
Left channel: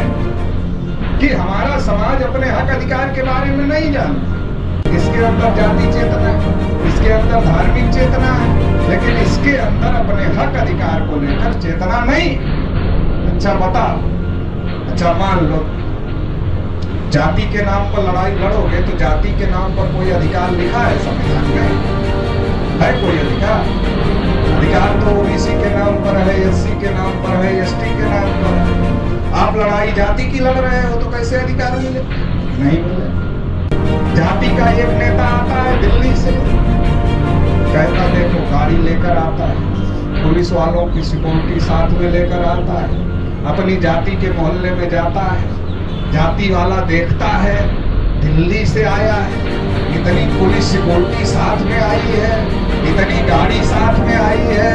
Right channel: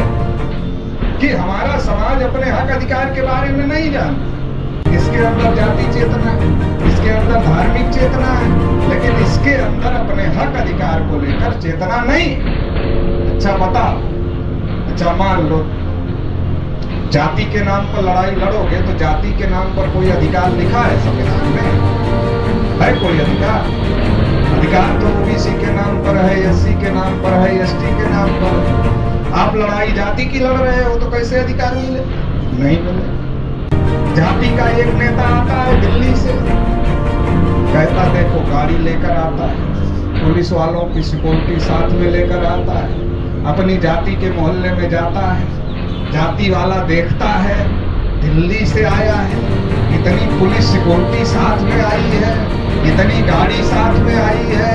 कि हमारा समाज अपने हक अधिकार के बारे में नहीं जानता। इसके अंदर जाति चेतना है, इसके अंदर धार्मिक चेतना है, लेकिन इसके अंदर अपने हक अधिकार को लेकर चेतना नहीं। अच्छा बता, अच्छा मान लो जाति के नाम पर लड़ाई लड़ोगे तो जाति के नाम पर कोई अधिकार लिखा है संविधान में? है कोई अधिकार? अधिकार तो ओबीसी के नाम पर है, एससी के नाम पर है, एसटी के नाम पर है। आप लड़ाई जाति की लड़ रहे हो तो कैसे अधिकार मिले? नहीं मिले। जाति का एक नेता आता है दिल्ली से, कहता देखो गाड़ी लेकर आता है, पुलिस वालों की सिक्योरिटी साथ में लेकर आता है, अपनी जाति के मोहल्ले में जाता है, जाति वाला देखता है दिल्ली से आया है, इतनी पुलिस सिक्योरिटी साथ में आई है, इतनी गाड़ी साथ में आई है,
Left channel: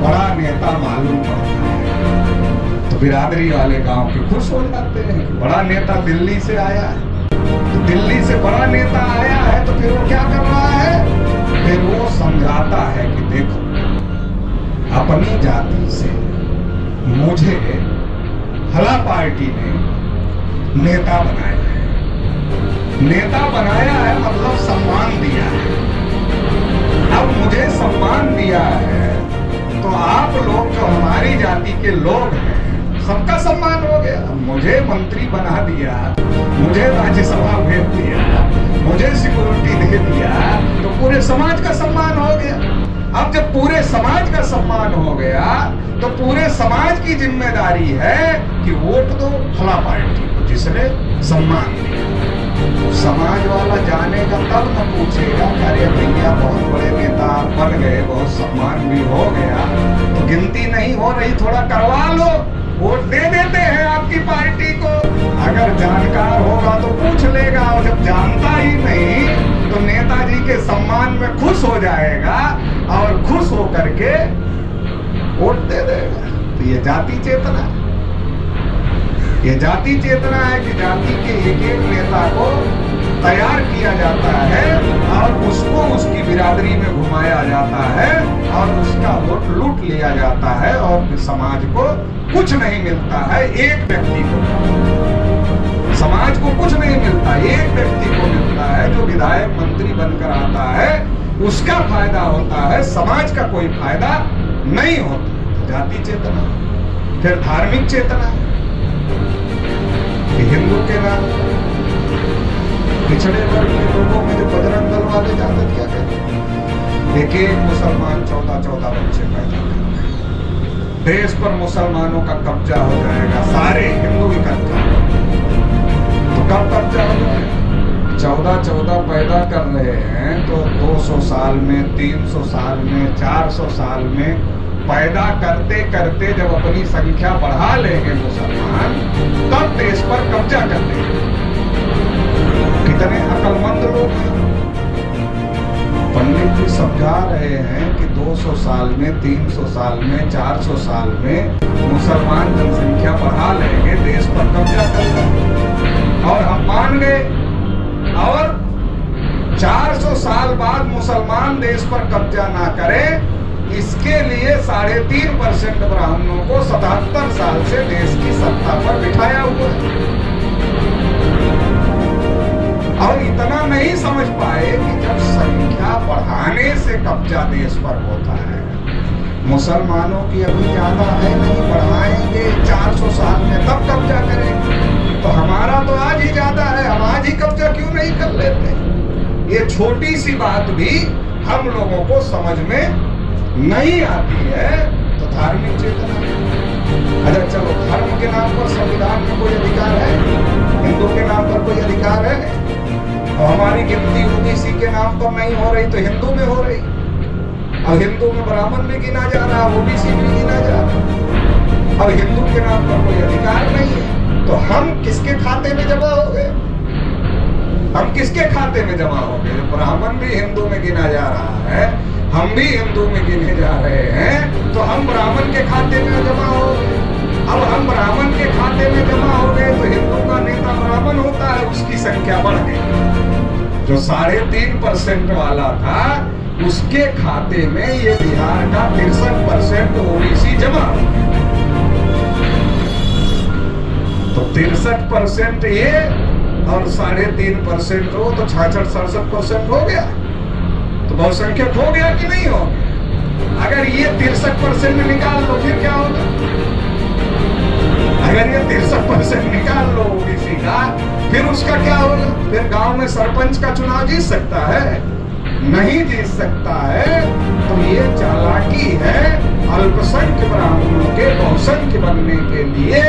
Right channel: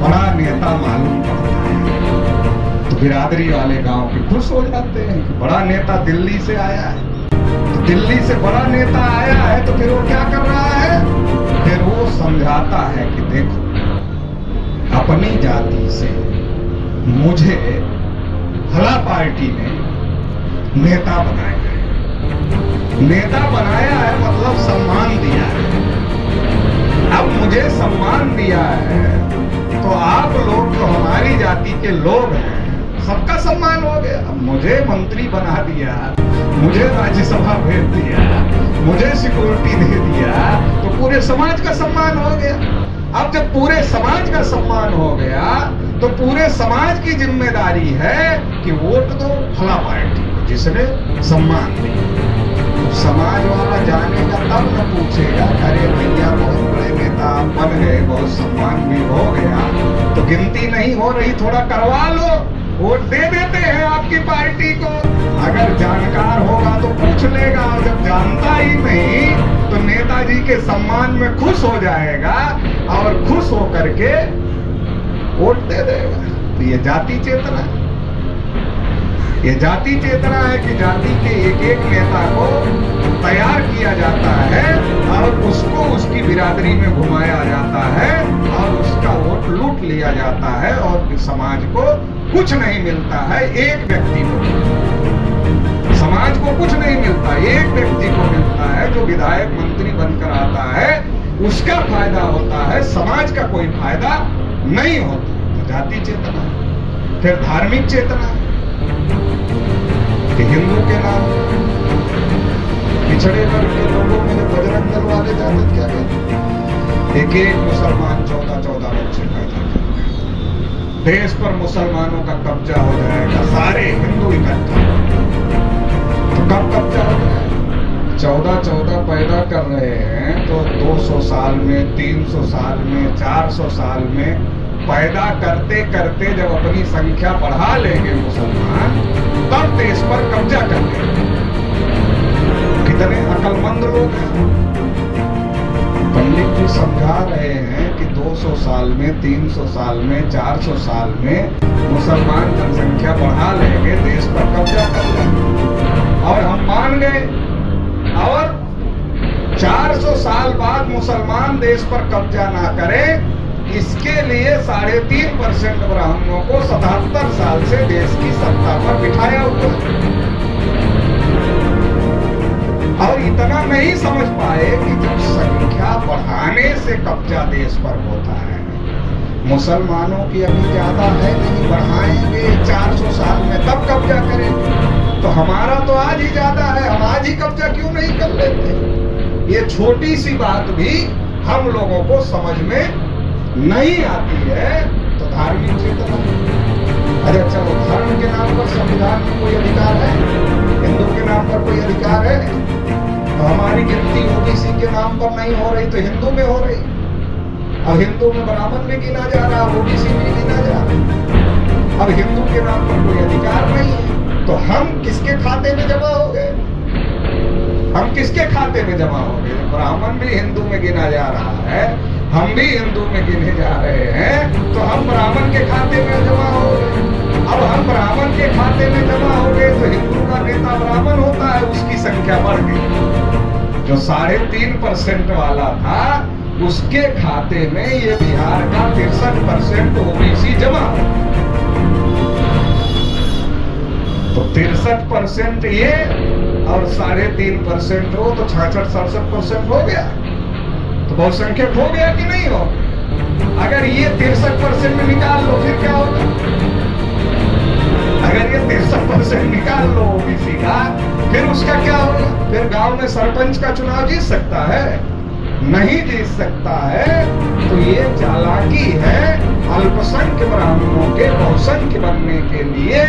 बड़ा नेता मालूम पड़ता है। तो बिरादरी वाले गांव के खुश हो जाते हैं कि बड़ा नेता दिल्ली से आया है। तो दिल्ली से बड़ा नेता आया है तो फिर वो क्या कर रहा है, फिर वो समझाता है कि देखो अपनी जाति से मुझे फला पार्टी ने नेता बनाया है, नेता बनाया है मतलब सम्मान दिया है। अब मुझे सम्मान दिया है तो आप लोग जो हमारी जाति के लोग हैं सबका सम्मान हो गया। अब मुझे मंत्री बना दिया, मुझे राज्यसभा भेज दिया, मुझे सिक्योरिटी दे दिया तो पूरे समाज का सम्मान हो गया। अब जब पूरे समाज का सम्मान हो गया तो पूरे समाज की जिम्मेदारी है कि वोट दो फला पार्टी को जिसने सम्मान दिया। समाज वाला जानेगा तब न पूछेगा अरे भैया बहुत बड़े नेता बन गए, बहुत सम्मान भी हो गया, तो गिनती नहीं हो रही, थोड़ा करवा लो, वोट दे देते हैं आपकी पार्टी को। अगर जानकार होगा तो पूछ लेगा, और जब जानता ही नहीं तो नेताजी के सम्मान में खुश हो जाएगा और खुश हो करके वोट दे देगा। तो ये जाति चेतना है, ये जाति चेतना है कि जाति के एक एक नेता को तैयार किया जाता है और उसको उसकी बिरादरी में घुमाया जाता है और उसका वोट लूट लिया जाता है और समाज को कुछ नहीं मिलता है। एक व्यक्ति को, समाज को कुछ नहीं मिलता, एक व्यक्ति को मिलता है जो विधायक मंत्री बनकर आता है, उसका फायदा होता है, समाज का कोई फायदा नहीं होता। जाति चेतना। फिर धार्मिक चेतना है कि हिंदू के नाम पर पिछड़े वर्ग के लोगों में जो बजरंग दल वाले जाते क्या कहते, एक एक मुसलमान 14-14 बच्चे पैदा कर, देश पर मुसलमानों का कब्जा हो जाएगा, सारे हिंदू इकट्ठा। तो कब कब्जा हो जाएगा? 14-14 पैदा कर रहे हैं तो 200 साल में, 300 साल में, 400 साल में पैदा करते करते जब अपनी संख्या बढ़ा लेंगे मुसलमान, तब देश पर कब्जा कर लेंगे। कितने अकलमंद लोग हैं। पंडित जी समझा रहे हैं कि 200 साल में, 300 साल में, 400 साल में मुसलमान जनसंख्या बढ़ा लेंगे, देश पर कब्जा कर लेंगे। और हम मान गए, और 400 साल बाद मुसलमान देश पर कब्जा ना करें, इसके लिए 3.5% ब्राह्मणों को 77 साल से देश की सत्ता पर बिठाया हुआ है। और इतना नहीं समझ पाए कि जब संख्या बढ़ाने से कब्जा देश पर होता है, मुसलमानों की अभी ज्यादा है नहीं, बढ़ाएंगे 400 साल में तब कब्जा करेंगे। तो हमारा तो आज ही ज्यादा है, हम आज ही कब्जा क्यों नहीं कर लेते? ये छोटी सी बात भी हम लोगों को समझ में नहीं आती है। तो धार्मिक चेतना। अच्छा चलो, धर्म के नाम पर संविधान में कोई अधिकार है? हिंदू के नाम पर कोई अधिकार है? और हमारी गिनती ओबीसी के नाम पर नहीं हो रही तो हिंदू में हो रही। अब हिंदू में ब्राह्मण भी गिना जा रहा है, ओबीसी भी गिना जा रहा है। अब हिंदू के नाम पर कोई अधिकार नहीं है तो हम किसके खाते में जमा हो गए? हम किसके खाते में जमा हो गए? ब्राह्मण भी हिंदू में गिना जा रहा है, हम भी हिंदू में गिने जा रहे हैं, तो हम ब्राह्मण के खाते में जमा हो गए। अब हम ब्राह्मण के खाते में जमा हो गए तो हिंदू का नेता ब्राह्मण होता है, उसकी संख्या बढ़ गई। जो 3.5% वाला था उसके खाते में ये बिहार का 63% ओबीसी जमा हो गया। तो 63% ये और 3.5% हो तो 66-67% हो गया। तो बहुसंख्यक हो गया कि नहीं हो गया? अगर ये 63% निकाल लो फिर क्या होगा? अगर ये 63% निकाल लो ओबीसी का, फिर उसका क्या होगा? फिर गांव में सरपंच का चुनाव जीत सकता है? नहीं जीत सकता है। तो ये चालाकी है अल्पसंख्य ब्राह्मणों के बहुसंख्य बनने के लिए।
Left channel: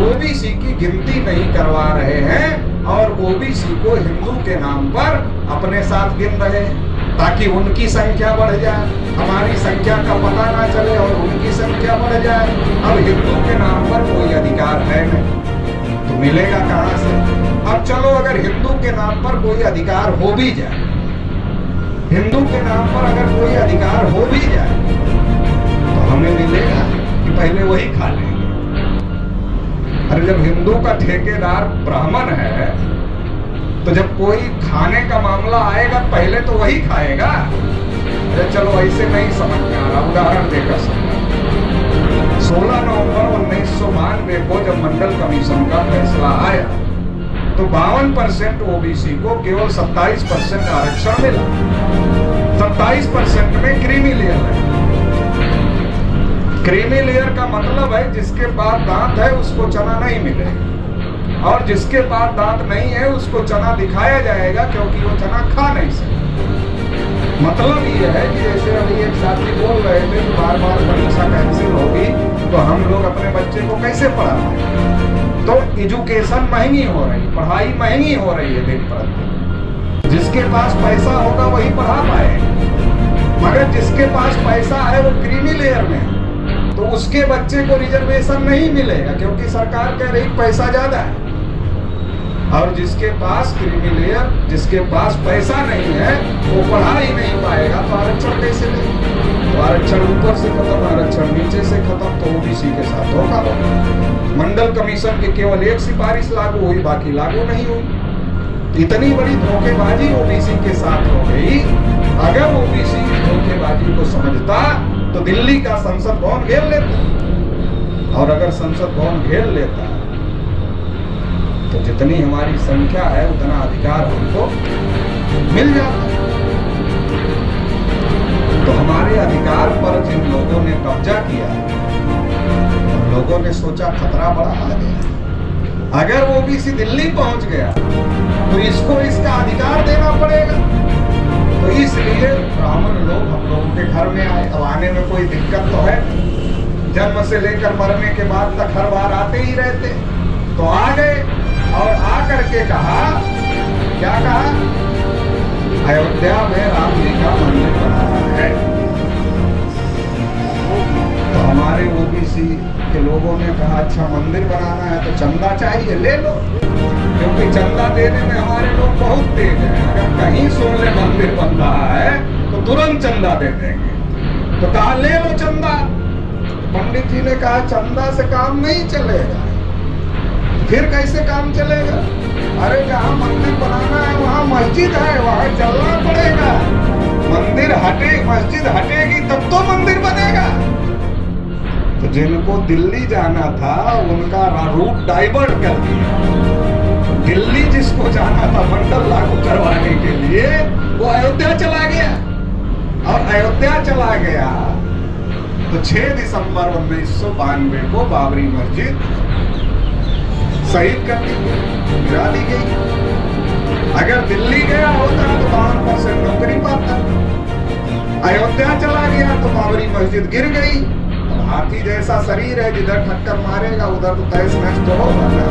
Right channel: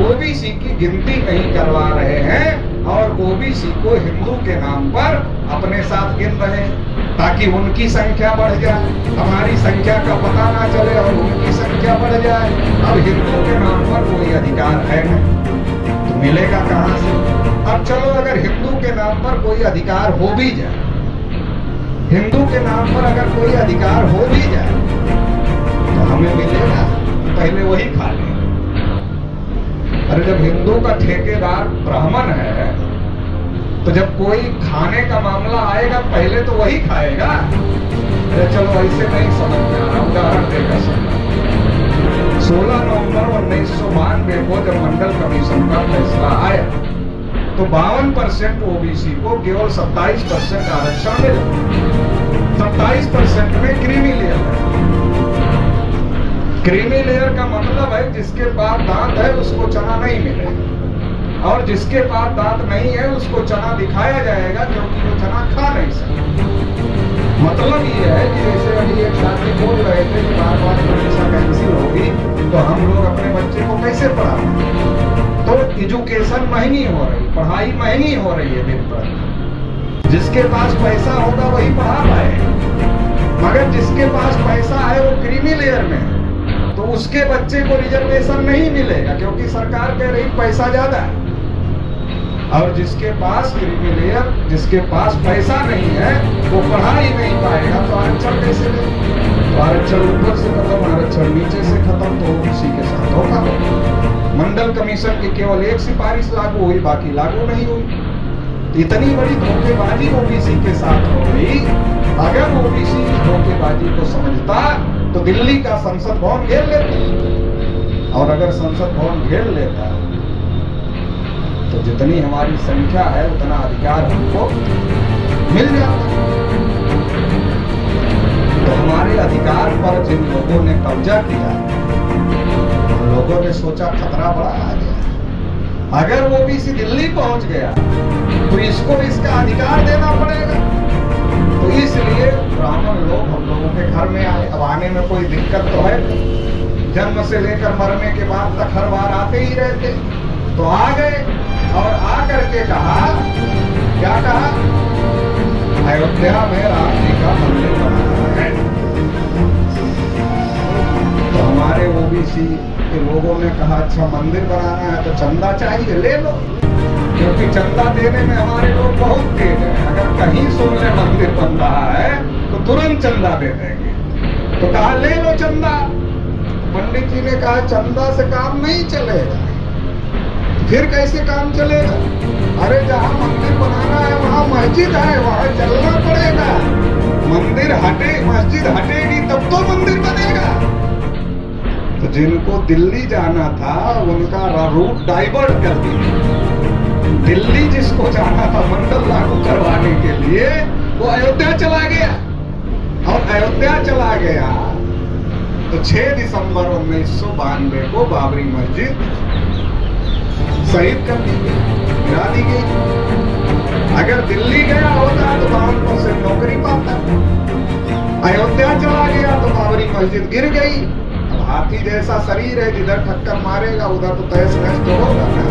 ओबीसी की गिनती नहीं करवा रहे हैं और ओबीसी को हिंदू के नाम पर अपने साथ गिन रहे हैं ताकि उनकी संख्या बढ़ जाए, हमारी संख्या का पता ना चले और उनकी संख्या बढ़ जाए। अब हिंदू के नाम पर कोई अधिकार है नहीं तो मिलेगा कहां से? अब चलो, अगर हिंदू के नाम पर कोई अधिकार हो भी जाए, हिंदू के नाम पर अगर कोई अधिकार हो भी जाए तो हमें मिलेगा कि पहले वही खा लेंगे। अरे जब हिंदू का ठेकेदार ब्राह्मण है तो जब कोई खाने का मामला आएगा पहले तो वही खाएगा। अरे चलो ऐसे नहीं समझ में आ रहा, उदाहरण देकर समझा। 16 नवंबर 1992 को जब मंडल कमीशन का फैसला आया तो 52% ओबीसी को केवल 27% आरक्षण मिला। 27% में क्रीमी लेयर है। क्रीमी लेयर का मतलब है जिसके पास दांत है उसको चना नहीं मिलेगा, और जिसके पास दांत नहीं है उसको चना दिखाया जाएगा क्योंकि वो चना खा नहीं सकता। मतलब ये है कि जैसे अभी एक साथी बोल रहे थे कि बार बार परीक्षा कैंसिल होगी तो हम लोग अपने बच्चे को कैसे पढ़ाएं। तो एजुकेशन महंगी हो रही, पढ़ाई महंगी हो रही है दिन प्रतिदिन। जिसके पास पैसा होगा वही पढ़ा पाएगा, मगर जिसके पास पैसा है वो क्रीमी लेयर में है तो उसके बच्चे को रिजर्वेशन नहीं मिलेगा क्योंकि सरकार कह रही पैसा ज्यादा है। और जिसके पास क्रीमी लेयर, जिसके पास पैसा नहीं है वो पढ़ा ही नहीं पाएगा तो आरक्षण कैसे ले? तो आरक्षण ऊपर से खत्म, आरक्षण नीचे से खत्म, तो ओबीसी के साथ धोखा होगा। मंडल कमीशन की केवल एक सिफारिश लागू हुई, बाकी लागू नहीं हुई। इतनी बड़ी धोखेबाजी ओबीसी के साथ हो गई। अगर ओबीसी धोखेबाजी को समझता तो दिल्ली का संसद भवन घेर लेता, और अगर संसद भवन घेर लेता तो जितनी हमारी संख्या है उतना अधिकार हमको मिल जाता। तो हमारे अधिकार पर जिन लोगों ने कब्जा किया उन लोगों ने सोचा खतरा बड़ा आ गया। अगर वो ओबीसी दिल्ली पहुंच गया तो इसको इसका अधिकार देना पड़ेगा। तो इसलिए ब्राह्मण लोग हम लोगों के घर में आए। अब आने में कोई दिक्कत तो है, जन्म से लेकर मरने के बाद तक हर बार आते ही रहते। तो आ गए और आकर के कहा, क्या कहा? अयोध्या में राम जी का मंदिर बनाना है। तो हमारे ओबीसी के लोगों ने कहा अच्छा मंदिर बनाना है तो चंदा चाहिए, ले लो, क्योंकि चंदा देने में हमारे लोग बहुत तेज हैं। अगर कहीं सुन ले मंदिर बन रहा है तो तुरंत चंदा दे देंगे। तो कहा ले लो चंदा। तो पंडित जी ने कहा चंदा से काम नहीं चलेगा। फिर कैसे काम चलेगा? अरे जहाँ मंदिर बनाना है वहाँ मस्जिद है, वहाँ चलना पड़ेगा। मंदिर हटे, मस्जिद हटेगी तब तो मंदिर बनेगा। तो जिनको दिल्ली जाना था उनका रूट डाइवर्ट कर दिया। दिल्ली जिसको जाना था मंडल लागू करवाने के लिए वो अयोध्या चला गया, और अयोध्या चला गया तो 6 दिसंबर 1992 को बाबरी मस्जिद शहीद कर दी, गिरा दी गई। अगर दिल्ली गया होता तो 52% नौकरी पाता। अयोध्या चला गया तो बाबरी मस्जिद गिर गई। अब हाथी जैसा शरीर है, जिधर ठक्कर मारेगा उधर तो तहस नहस तो होगा ना।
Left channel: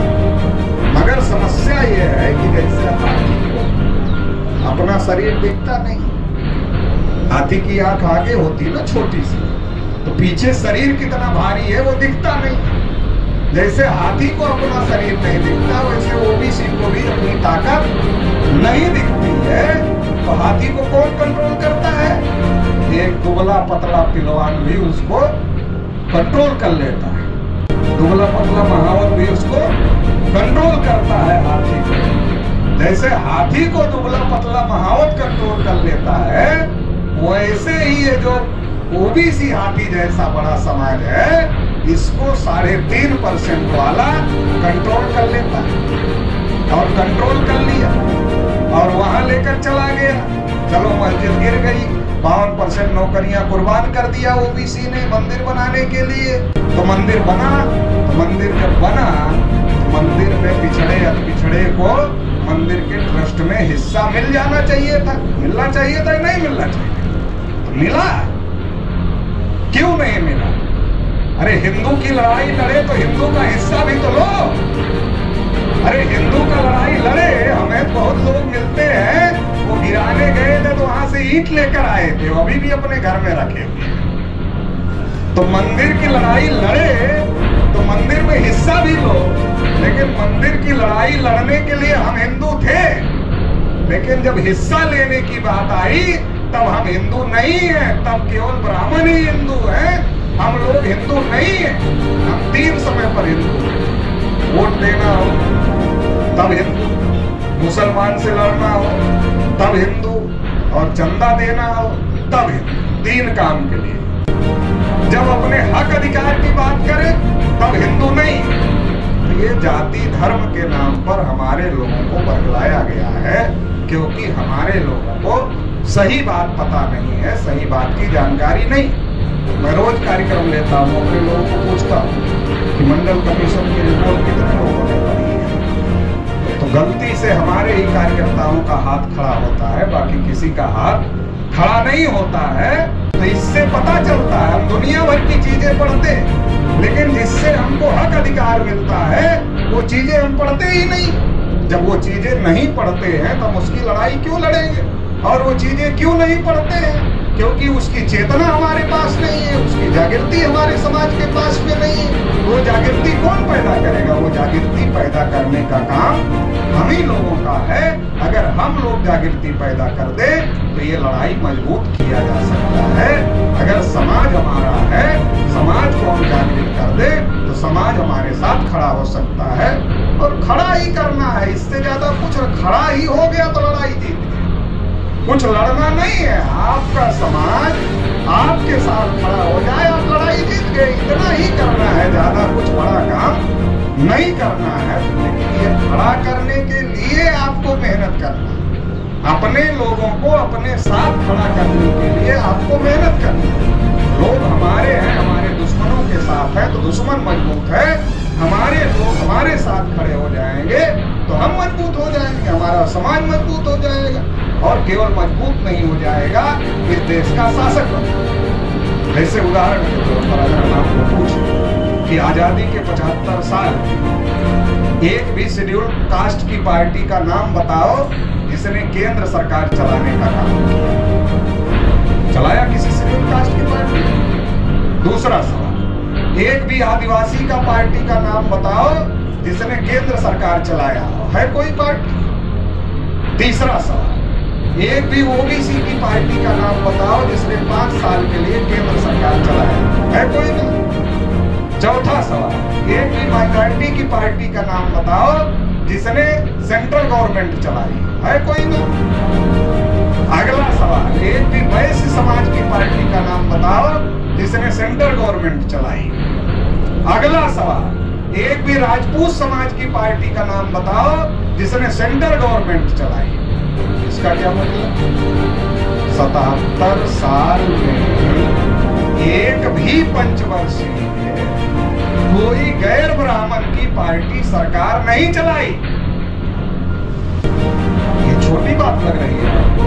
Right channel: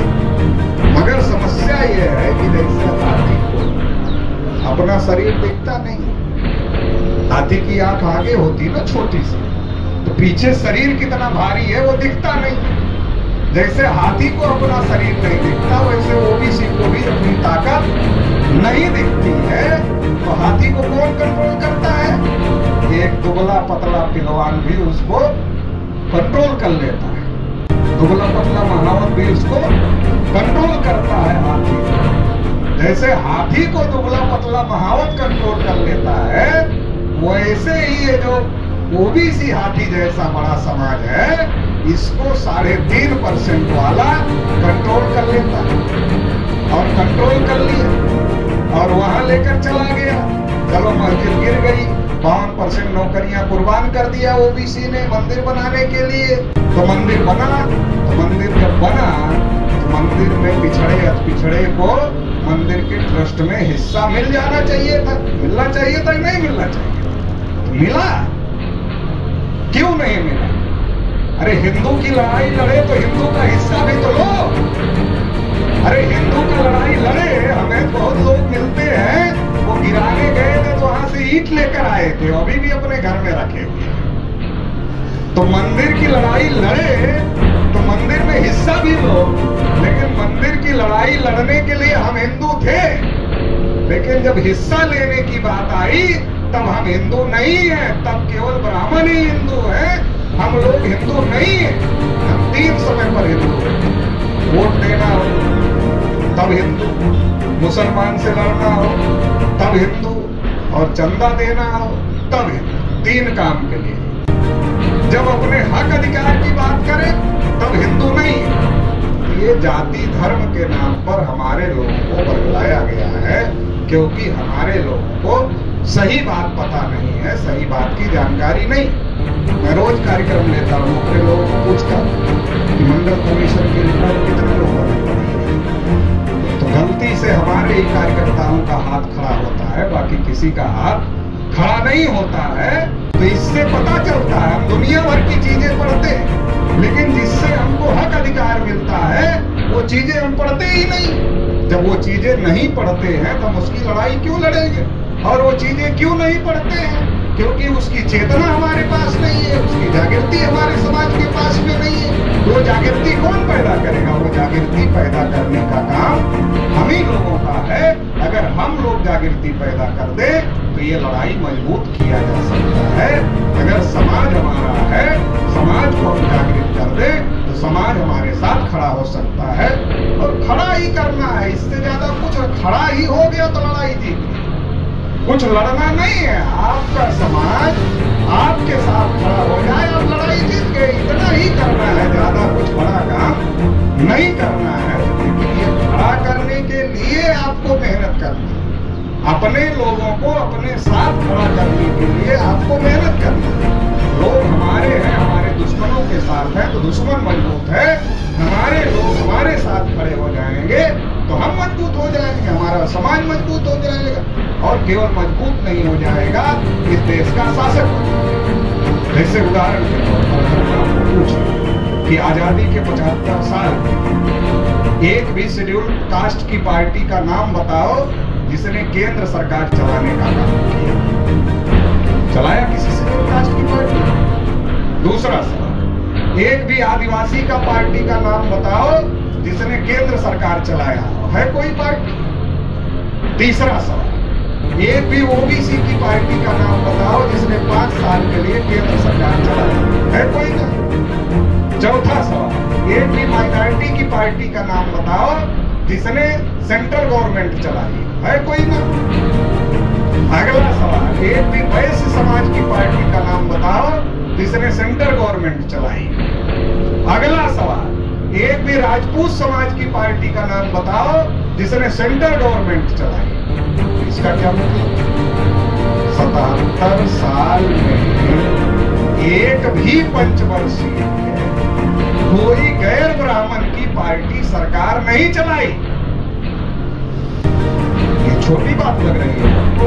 मगर समस्या ये है कि जैसे हाथी को अपना शरीर दिखता नहीं। हाथी की आंख आगे होती ना छोटी सी, तो पीछे शरीर कितना भारी है वो दिखता नहीं। जैसे हाथी को अपना शरीर नहीं दिखता वैसे ओबीसी को भी अपनी ताकत नहीं दिखती है। तो हाथी को कौन कंट्रोल करता है? एक दुबला पतला पिलवान भी उसको कंट्रोल कर लेता है। दुबला पतला महावत भी उसको कंट्रोल करता है हाथी को। जैसे हाथी को दुबला पतला महावत कंट्रोल कर लेता है, वैसे ही ये जो ओबीसी हाथी जैसा बड़ा समाज है इसको 3.5% वाला कंट्रोल कर लेता है। और कंट्रोल कर लिया और वहां लेकर चला गया। चलो मस्जिद गिर गई, 52% नौकरियां कुर्बान कर दिया ओबीसी ने मंदिर बनाने के लिए। तो मंदिर बना, तो मंदिर जब बना तो मंदिर में पिछड़े को मंदिर के ट्रस्ट में हिस्सा मिल जाना चाहिए था। मिलना चाहिए था कि नहीं मिलना चाहिए? तो मिला, क्यों नहीं मिला? अरे हिंदू की लड़ाई लड़े तो हिंदू का हिस्सा भी तो लो। अरे हिंदू का लड़ाई लड़े, हमें बहुत लोग मिलते हैं वो गिराने गए थे तो वहां से ईंट लेकर आए थे, अभी भी अपने घर में रखे हुए। तो मंदिर की लड़ाई लड़े तो मंदिर में हिस्सा भी लो, लेकिन मंदिर की लड़ाई लड़ने के लिए हम हिंदू थे। लेकिन जब हिस्सा लेने की बात आई तब हम हिंदू नहीं है, तब केवल ब्राह्मण ही हिंदू है। हम लोग हिंदू नहीं है। हम 3 समय पर हिंदू, वोट देना हो तब हिंदू, मुसलमान से लड़ना हो तब हिंदू, और चंदा देना हो तब हिंदू। 3 काम के लिए। जब अपने हक अधिकार की बात करें तब हिंदू नहीं। ये जाति धर्म के नाम पर हमारे लोगों को बरगलाया गया है, क्योंकि हमारे लोगों को सही बात पता नहीं है, सही बात की जानकारी नहीं। मैं रोज कार्यक्रम लेता हूँ, अपने लोगों को पूछता हूँ कि मंडल कमीशन की रिपोर्ट कितने लोगों ने पढ़ी है। तो गलती से हमारे ही कार्यकर्ताओं का हाथ खड़ा होता है, बाकी किसी का हाथ खड़ा नहीं होता है। तो इससे पता चलता है, हम दुनिया भर की चीजें पढ़ते, लेकिन जिससे हमको हक अधिकार मिलता है वो चीजें हम पढ़ते ही नहीं। जब वो चीजें नहीं पढ़ते हैं तो हम उसकी लड़ाई क्यों लड़ेंगे? और वो चीजें क्यों नहीं पढ़ते हैं? क्योंकि उसकी चेतना हमारे पास नहीं है, उसकी जागृति हमारे समाज के पास में नहीं है। वो जागृति कौन पैदा करेगा? वो जागृति पैदा करने का काम हम ही लोगों का है। अगर हम लोग जागृति पैदा कर दे तो ये लड़ाई मजबूत किया जा सकता है। अगर समाज हमारा है, समाज को हम जागृत कर दे तो समाज हमारे साथ खड़ा हो सकता है, और खड़ा ही करना है। इससे ज्यादा कुछ, खड़ा ही हो गया तो लड़ाई जीत गई। कुछ लड़ना नहीं है, आपका समाज आपके साथ खड़ा हो जाए, आप लड़ाई जीत गए। इतना ही करना है, ज्यादा कुछ बड़ा काम नहीं करना है। ये खड़ा करने के लिए आपको मेहनत करनी है, अपने लोगों को अपने साथ खड़ा करने के लिए आपको मेहनत करनी है। लोग हमारे हैं, हमारे दुश्मनों के साथ हैं तो दुश्मन मजबूत है। हमारे लोग हमारे साथ खड़े हो जाएंगे तो हम मजबूत हो जाएंगे, हमारा समाज मजबूत हो जाएगा। और केवल मजबूत नहीं हो जाएगा, इस देश का शासक बनेगा। जैसे उदाहरण के तौर पर अगर मैं आपको पूछूं कि आजादी के 75 साल एक भी शेड्यूल कास्ट की पार्टी का नाम बताओ जिसने केंद्र सरकार चलाने का काम किया। चलाया किसी शेड्यूल कास्ट की पार्टी? दूसरा सवाल, एक भी आदिवासी का पार्टी का नाम बताओ जिसने केंद्र सरकार चलाया है कोई पार्टी? तीसरा सवाल, एक भी ओबीसी की पार्टी का नाम बताओ जिसने 5 साल के लिए केंद्र सरकार चलाया है कोई ना? चौथा सवाल, एक भी माइनॉरिटी की पार्टी का नाम बताओ जिसने सेंट्रल गवर्नमेंट चलाई है कोई ना? अगला सवाल, एक भी वैश्य समाज की पार्टी का नाम बताओ जिसने सेंट्रल गवर्नमेंट चलाई। अगला सवाल, एक भी राजपूत समाज की पार्टी का नाम बताओ जिसने सेंट्रल गवर्नमेंट चलाई। इसका क्या मतलब? 77 साल में एक भी पंचवर्षीय कोई गैर ब्राह्मण की पार्टी सरकार नहीं चलाई। ये छोटी बात लग रही है आपको?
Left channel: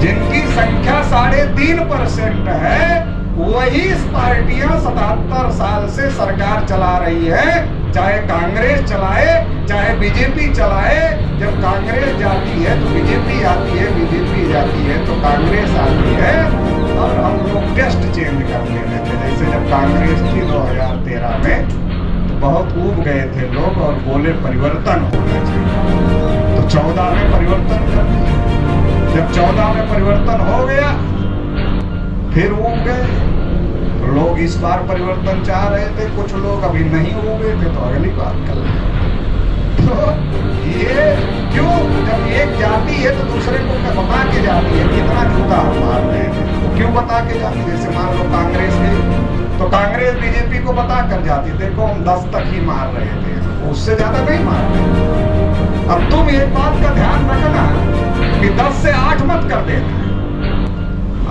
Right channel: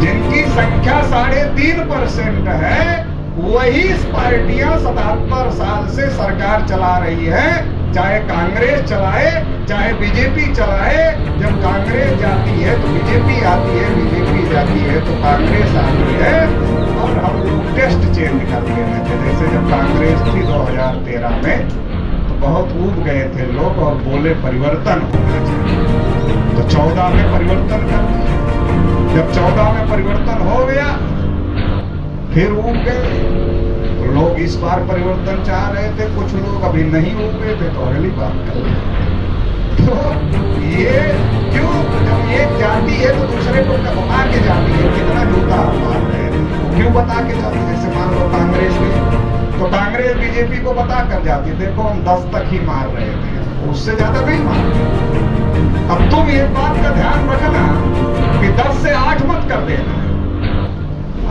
जिनकी संख्या 3.5% है वही पार्टियां 77 साल से सरकार चला रही है। चाहे कांग्रेस चलाए चाहे बीजेपी चलाए, जब कांग्रेस जाती है तो बीजेपी आती है, बीजेपी जाती है तो कांग्रेस आती है। और हम लोग टेस्ट चेंज करते रहते। जैसे जब कांग्रेस थी 2013 में तो बहुत ऊब गए थे लोग और बोले परिवर्तन होना चाहिए, तो 14 में परिवर्तन कर दिया। जब 14 में परिवर्तन हो गया फिर ऊब गए। लोग इस बार परिवर्तन चाह रहे थे, कुछ लोग अभी नहीं उगे थे तो अगली बात कर रहे। तो ये क्यों? जब एक जाति है तो दूसरे को बता के जाती है कितना जूता हम मार रहे हैं, तो क्यों बता के जाती? जैसे मान लो कांग्रेस है तो कांग्रेस बीजेपी को बता कर जाती, देखो हम 10 तक ही मार रहे थे, उससे ज्यादा नहीं मार रहे। अब तुम ये बात का ध्यान रखना कि 10 से 8 मत कर देना।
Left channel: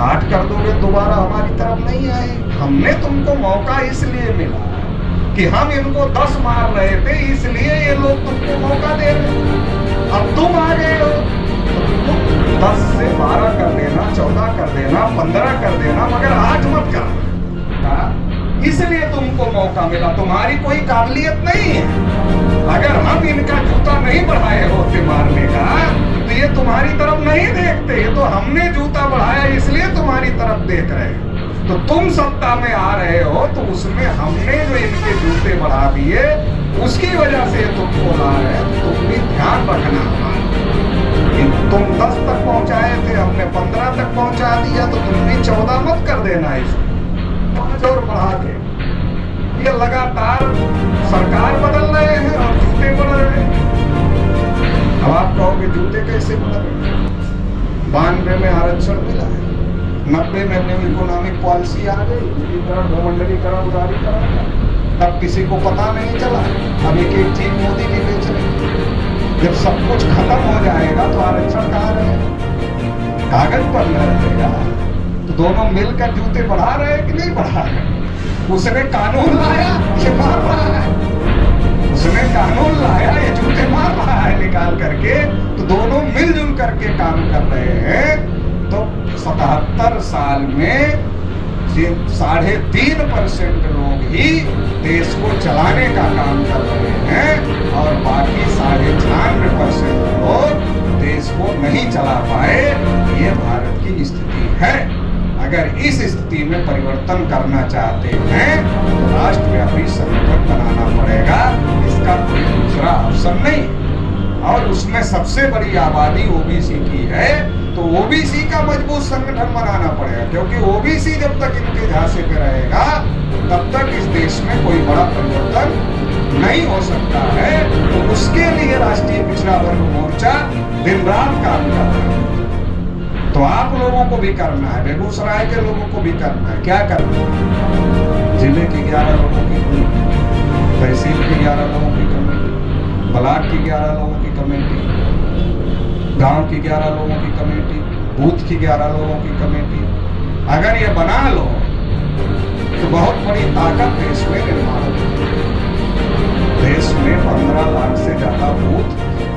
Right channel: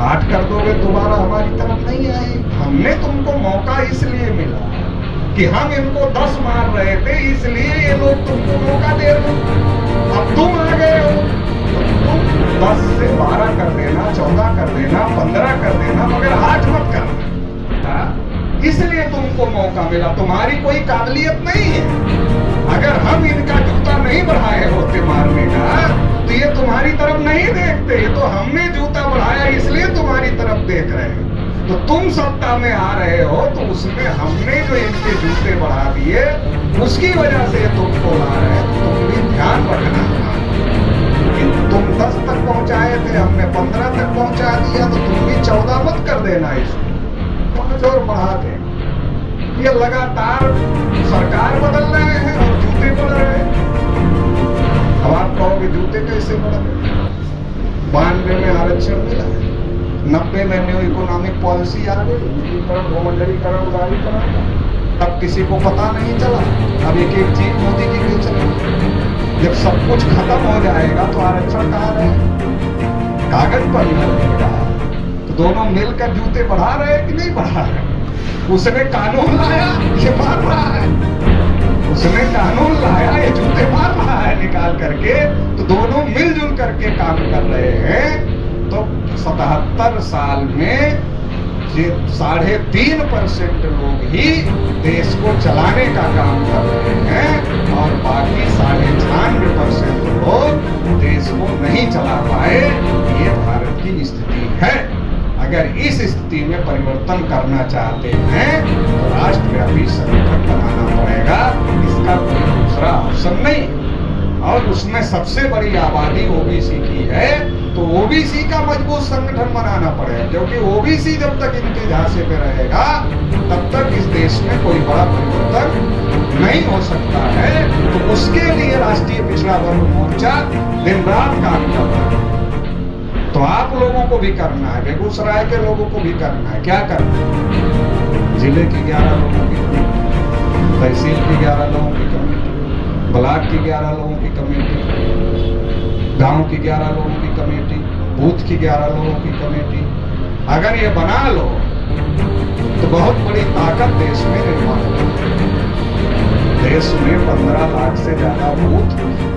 8 कर दोगे दोबारा हमारी तरफ नहीं आए। हमने तुमको मौका इसलिए मिला कि हम इनको 10 मार रहे थे, इसलिए ये लोग तुमको मौका दे रहे। अब तुम आ गए हो तो तुम 10 से 12 कर देना, 14 कर देना, 15 कर देना, मगर 8 मत करना। इसलिए तुमको मौका मिला, तुम्हारी कोई काबिलियत नहीं है। अगर हम इनका जूता नहीं बढ़ाए होते मारने का तो ये तुम्हारी तरफ नहीं देखते। ये तो हमने जूता बढ़ाया इसलिए तुम्हारी तरफ देख रहे हैं। तो तुम सत्ता में आ रहे हो तो उसमें हमने जो इनके जूते बढ़ा दिए उसकी वजह से तुमको ला रहे हैं। तुम भी ध्यान रखना हमारा, तुम 10 तक पहुंचाए थे, हमने 15 तक पहुंचा दिया, तो तुम भी 14 मत कर देना इसको 5 और बढ़ा के। ये लगातार सरकार बदल रहे हैं और जूते बदल रहे हैं। अब आप कहोगे जूते कैसे बदले? 92 में आरक्षण मिला, 90 में न्यू इकोनॉमिक पॉलिसी आ गई, विलीनीकरण बहुमंडलीकरण उदारीकरण, तब किसी को पता नहीं चला। अब एक एक चीज मोदी की बेच रही है। जब सब कुछ खत्म हो जाएगा तो आरक्षण कहाँ रहेगा? कागज पर न रहेगा। तो दोनों मिलकर जूते बढ़ा रहे हैं कि नहीं बढ़ा रहे? उसने कानून लाया, ये मार रहा है। उसने कानून लाया, ये जूते मार रहा है निकाल करके। तो दोनों मिलजुल करके काम कर रहे हैं। तो 77 साल में 3.5% लोग ही देश को चलाने का काम कर रहे हैं और बाकी 96% लोग देश को नहीं चला पाए। ये भारत की स्थिति है। अगर इस स्थिति में परिवर्तन करना चाहते हैं तो राष्ट्रव्यापी संगठन बनाना पड़ेगा। इसका कोई दूसरा ऑप्शन नहीं। और उसमें सबसे बड़ी आबादी ओबीसी की है, तो ओबीसी का मजबूत संगठन बनाना पड़ेगा। क्योंकि ओबीसी जब तक इनके झांसे पे रहेगा तब तक इस देश में कोई बड़ा परिवर्तन नहीं हो सकता है। तो उसके लिए राष्ट्रीय पिछड़ा वर्ग मोर्चा दिन रात काम कर रहा है। तो आप लोगों को भी करना है, बेगूसराय के लोगों को भी करना है। क्या करना है? जिले की 11 लोगों की कमेटी, तहसील की 11 लोगों की कमेटी, ब्लॉक की 11 लोगों की कमेटी, गांव की 11 लोगों की कमेटी, बूथ की 11 लोगों की कमेटी। अगर ये बना लो तो बहुत बड़ी ताकत देश में निर्माण होगी। देश में 15 लाख से ज्यादा बूथ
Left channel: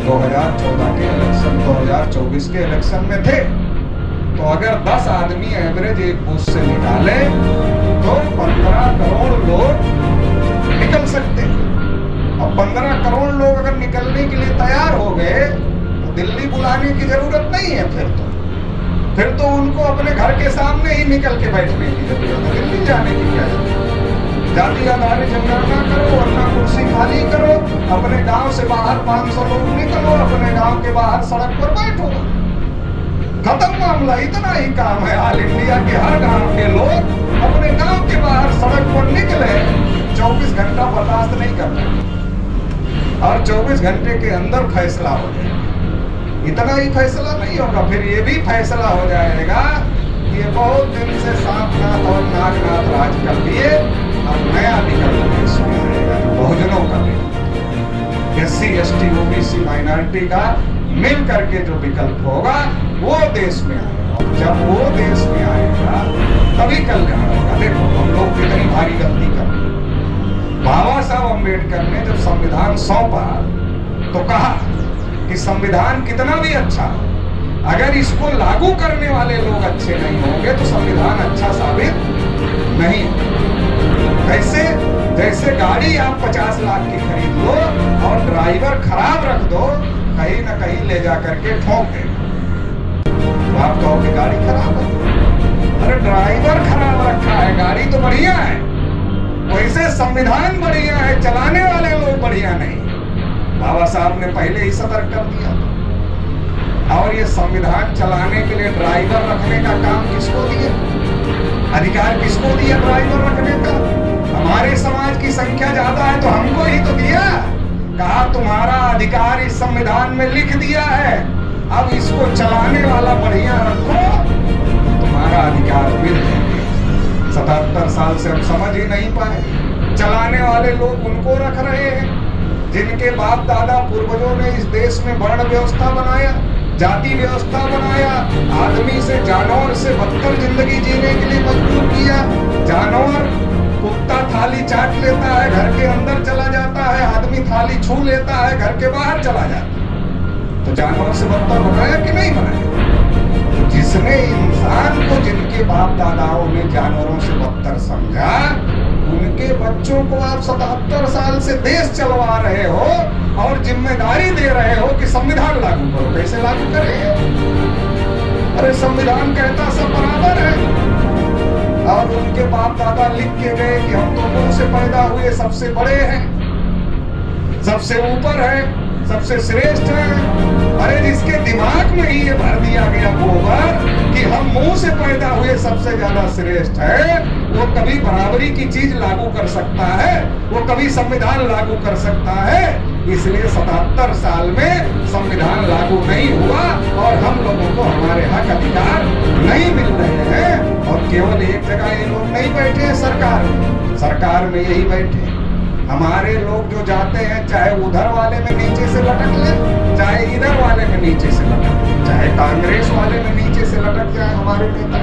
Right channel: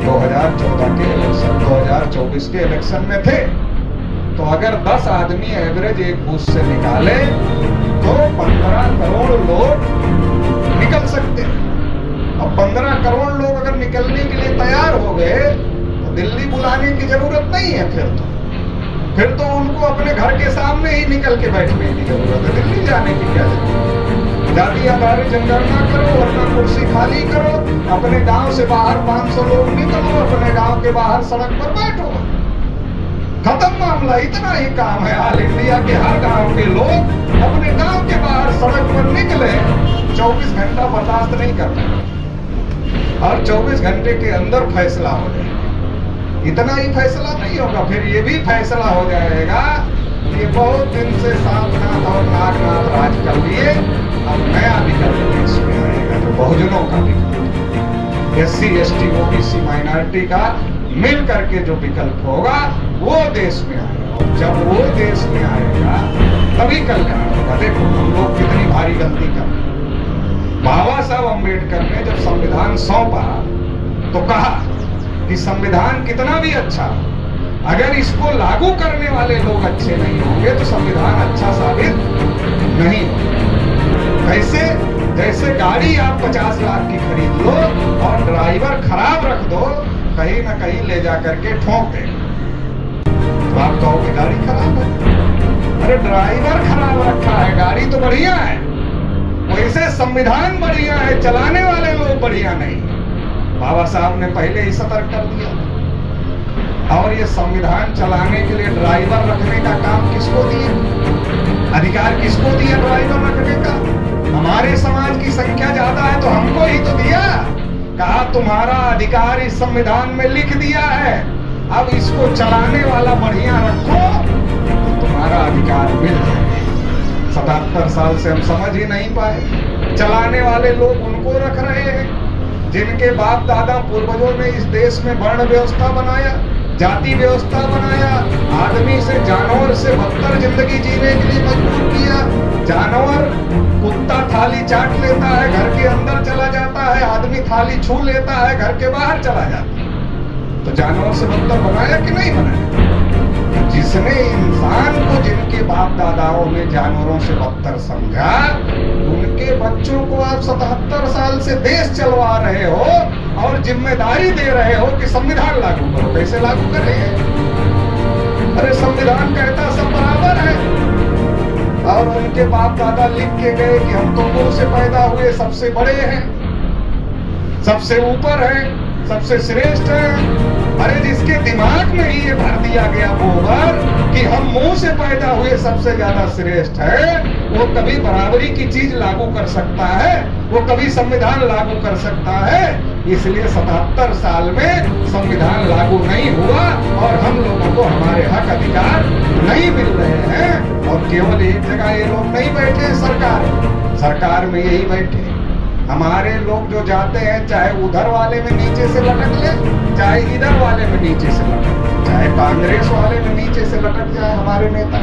2014 के इलेक्शन, 2024 के इलेक्शन में थे। तो अगर 10 आदमी एवरेज एक बूथ से निकाले तो 15 करोड़ लोग निकल सकते हैं। अब 15 करोड़ लोग अगर निकलने के लिए तैयार हो गए तो दिल्ली बुलाने की जरूरत नहीं है। फिर तो उनको अपने घर के सामने ही निकल के बैठने की जरूरत है। दिल्ली जाने की क्या जरूरत? जाति आधारित जनगणना करो, वरना कुर्सी खाली करो, अपने गांव से बाहर 500 लोग निकलो, अपने गांव के बाहर सड़क पर बैठो, खत्म मामला। इतना ही काम है। ऑल इंडिया के हर गांव के लोग अपने गांव के बाहर सड़क पर निकले। 24 घंटा बर्दाश्त नहीं करना और 24 घंटे के अंदर फैसला हो जाए। इतना ही फैसला नहीं होगा, फिर ये भी फैसला हो जाएगा ये बहुत दिन से सांपनाथ और नागनाथ राज कर लिए, अब नया विकल्प देश में आएगा जो बहुजनों का विकल्प, SC ST OBC माइनॉरिटी का मिल करके जो विकल्प होगा वो देश में आएगा। और जब वो देश में आएगा तभी कल्याण होगा। देखो हम लोग कितनी भारी गलती कर रहे हैं। बाबा साहब अम्बेडकर ने जब संविधान सौंपा तो कहा कि संविधान कितना भी अच्छा, अगर इसको लागू करने वाले लोग अच्छे नहीं होंगे तो संविधान अच्छा साबित नहीं होगा। कैसे? जैसे गाड़ी आप 50 लाख की खरीद लो और ड्राइवर खराब रख दो, कहीं ना कहीं ले जा करके ठोक दे, तो आप कहोगे गाड़ी खराब है। अरे ड्राइवर खराब रखा है, गाड़ी तो बढ़िया है। वैसे संविधान बढ़िया है, चलाने वाले लोग बढ़िया नहीं। बाबा साहब ने पहले ही सतर्क कर दिया। और ये संविधान चलाने के लिए ड्राइवर रखने का काम किसको दिया? अधिकार किसको दिया ड्राइवर रखने का? हमारे समाज की संख्या ज्यादा है तो हमको ही तो दिया। कहा तुम्हारा अधिकार इस संविधान में लिख दिया है, अब इसको चलाने वाला बढ़िया रखो तो तुम्हारा अधिकार मिल जाएगा। 77 साल से हम समझ ही नहीं पाए। चलाने वाले लोग उनको रख रहे हैं जिनके बाप दादा पूर्वजों ने इस देश में वर्ण व्यवस्था बनाया, जाति व्यवस्था बनाया, आदमी से जानवर से बदतर जिंदगी जीने के लिए मजबूर किया। जानवर कुत्ता थाली चाट लेता है, घर के अंदर चला जाता है, आदमी थाली छू लेता है, घर के बाहर चला जाता है। तो जानवर से बदतर बनाया कि नहीं बनाया? तो जिसने इंसान को, जिनके बाप दादाओं ने जानवरों से बदतर समझा, उनके बच्चों को आप 77 साल से देश चलवा रहे हो और जिम्मेदारी दे रहे हो कि संविधान लागू करो। कैसे लागू करें? अरे संविधान कहता सब बराबर है और उनके बाप दादा लिख के गए कि हम तो मुंह से पैदा हुए सबसे बड़े हैं, सबसे ऊपर है, सबसे श्रेष्ठ है। अरे जिसके दिमाग में ही ये भर दिया गया गोबर कि हम मुंह से पैदा हुए सबसे ज्यादा श्रेष्ठ है, वो कभी बराबरी की चीज लागू कर सकता है, वो कभी संविधान लागू कर सकता है। इसलिए 77 साल में संविधान लागू नहीं हुआ और हम लोगों को हमारे हक अधिकार नहीं मिल रहे हैं। और केवल एक जगह ये लोग नहीं बैठे हैं सरकार में यही बैठे। हमारे लोग जो जाते हैं, चाहे उधर वाले में नीचे से लटक ले, चाहे इधर वाले में नीचे से लटक ले, चाहे कांग्रेस वाले में नीचे से लटक जाए हमारे नेता,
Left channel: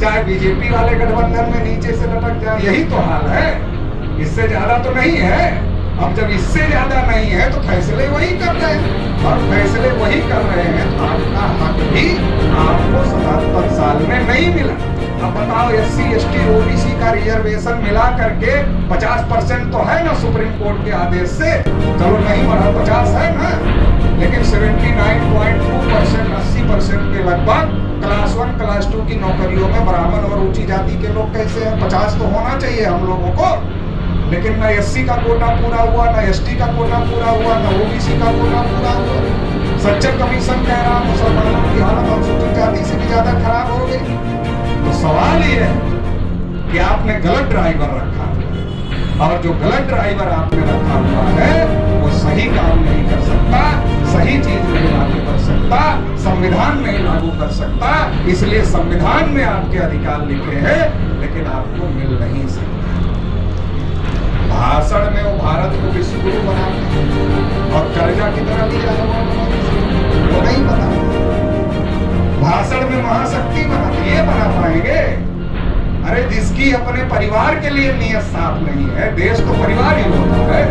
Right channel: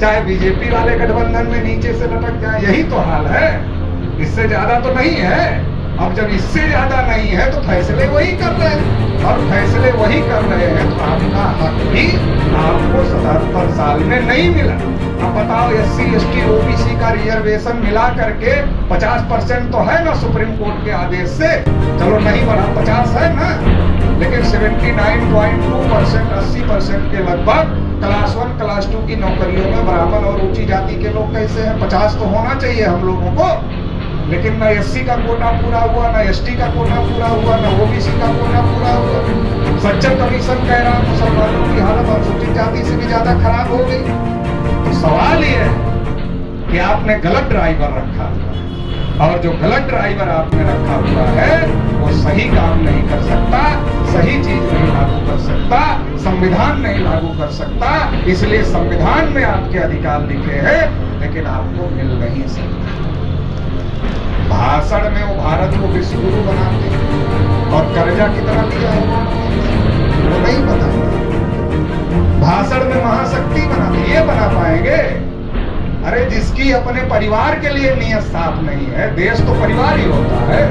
चाहे बीजेपी वाले गठबंधन में नीचे से लटक जाए, यही तो हाल है। इससे ज्यादा तो नहीं है। अब जब इससे ज्यादा नहीं है तो फैसले वही कर रहे हैं, और फैसले वही कर रहे हैं तो आपका हक भी आपको 77 साल में नहीं मिला। अब बताओ, SC ST OBC का रिजर्वेशन मिला करके 50% तो है ना सुप्रीम कोर्ट के आदेश से, चलो नहीं बढ़ा 50 है ना, लेकिन 79.2% 80% के लगभग क्लास 1 क्लास 2 की नौकरियों में ब्राह्मण और ऊंची जाति के लोग कैसे हैं? 50 तो होना चाहिए हम लोगों को, लेकिन ना SC का कोटा पूरा हुआ, ना ST का कोटा पूरा हुआ, ना OBC का कोटा पूरा हुआ। सच्चर कमीशन कह रहा मुसलमानों की हालत अनुसूचित जाति से भी ज्यादा खराब हो गई। तो सवाल ये है कि आपने गलत ड्राइवर रखा हुआ, और जो गलत ड्राइवर आपने रखा हुआ है वो सही काम नहीं कर सकता, सही चीज नहीं लागू कर सकता, संविधान नहीं लागू कर सकता। इसलिए संविधान में आपके अधिकार लिखे हैं, लेकिन आपको मिल नहीं सकता। भाषण में वो भारत को विश्व गुरु बनाते हैं, और कर्जा कितना लिया है वो नहीं पता। भाषण में महाशक्ति बनाते, ये बना पाएंगे? अरे जिसकी अपने परिवार के लिए नियत साफ नहीं है, देश तो परिवार ही होता है,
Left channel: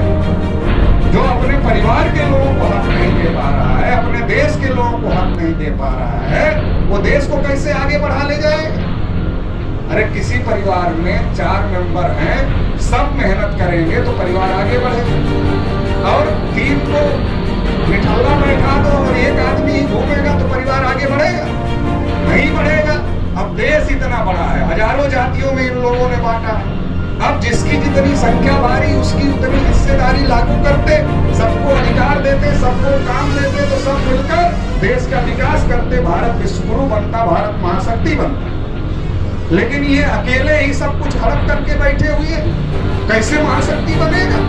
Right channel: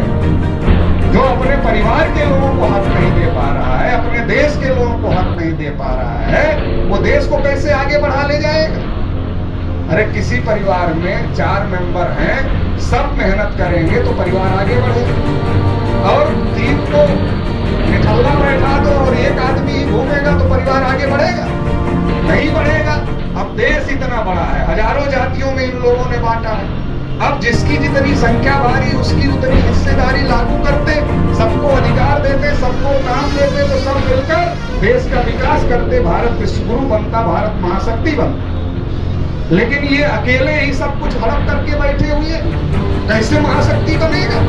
जो अपने परिवार के लोगों को हक नहीं दे पा रहा है, अपने देश के लोगों को हक नहीं दे पा रहा है, वो देश को कैसे आगे बढ़ा ले जाएगा? अरे किसी परिवार में 4 मेंबर हैं, सब मेहनत करेंगे तो परिवार आगे बढ़ेगा, और 3 को निठल्ला बैठा दो और एक आदमी ही घूमेगा तो परिवार आगे बढ़ेगा? नहीं बढ़ेगा। अब देश इतना बड़ा है, हजारों जातियों में इन लोगों ने बांटा है। अब जिसकी जितनी संख्या भारी उसकी उतनी हिस्सेदारी लागू करते, सबको अधिकार देते, सबको काम देते, तो सब मिलकर देश का विकास करते, भारत विश्वगुरु बनता, भारत महाशक्ति बनता। लेकिन ये अकेले ही सब कुछ हड़प करके बैठे हुए हैं, कैसे महाशक्ति बनेगा?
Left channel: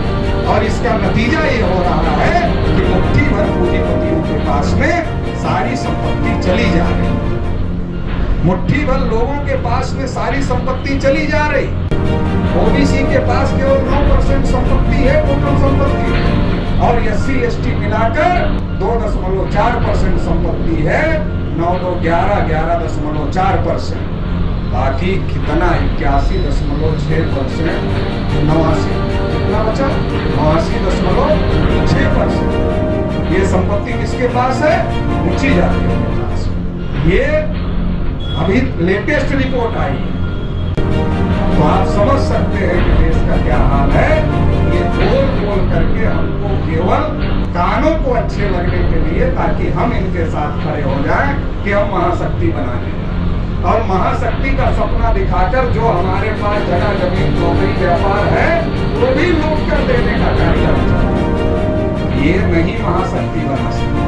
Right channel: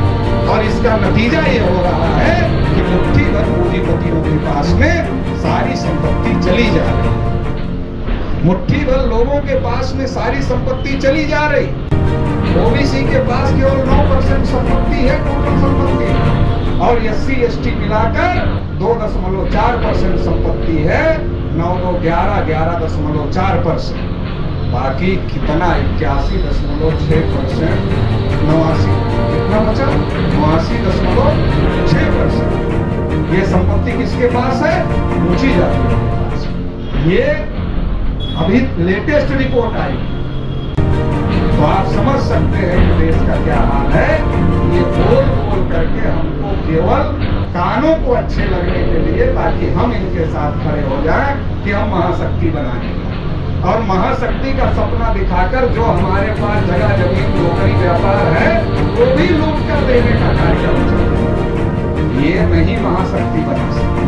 और इसका नतीजा ये हो रहा है कि मुट्ठी भर पूंजीपतियों के पास में सारी संपत्ति चली जा रही, मुट्ठी भर लोगों के पास में सारी संपत्ति चली जा रही। OBC के पास केवल 9% संपत्ति है टोटल संपत्ति, और SC ST मिलाकर 2.4% संपत्ति है, 9 2 11 11.4%। बाकी कितना 81.6%, 89 कितना बचा? 89.6%। ये संपत्ति किसके पास है? ऊंची जातियों के पास। ये अभी लेटेस्ट रिपोर्ट आई, तो आप समझ सकते हैं कि देश का क्या हाल है। ये बोल करके हमको केवल कानों को अच्छे लगने के लिए, ताकि हम इनके साथ खड़े हो जाएं कि हम महाशक्ति बनाएंगे, और महाशक्ति का सपना दिखाकर जो हमारे पास जगह जमीन नौकरी व्यापार है वो भी लूट कर देने का कार्यक्रम चला। ये नहीं महाशक्ति बना सकते,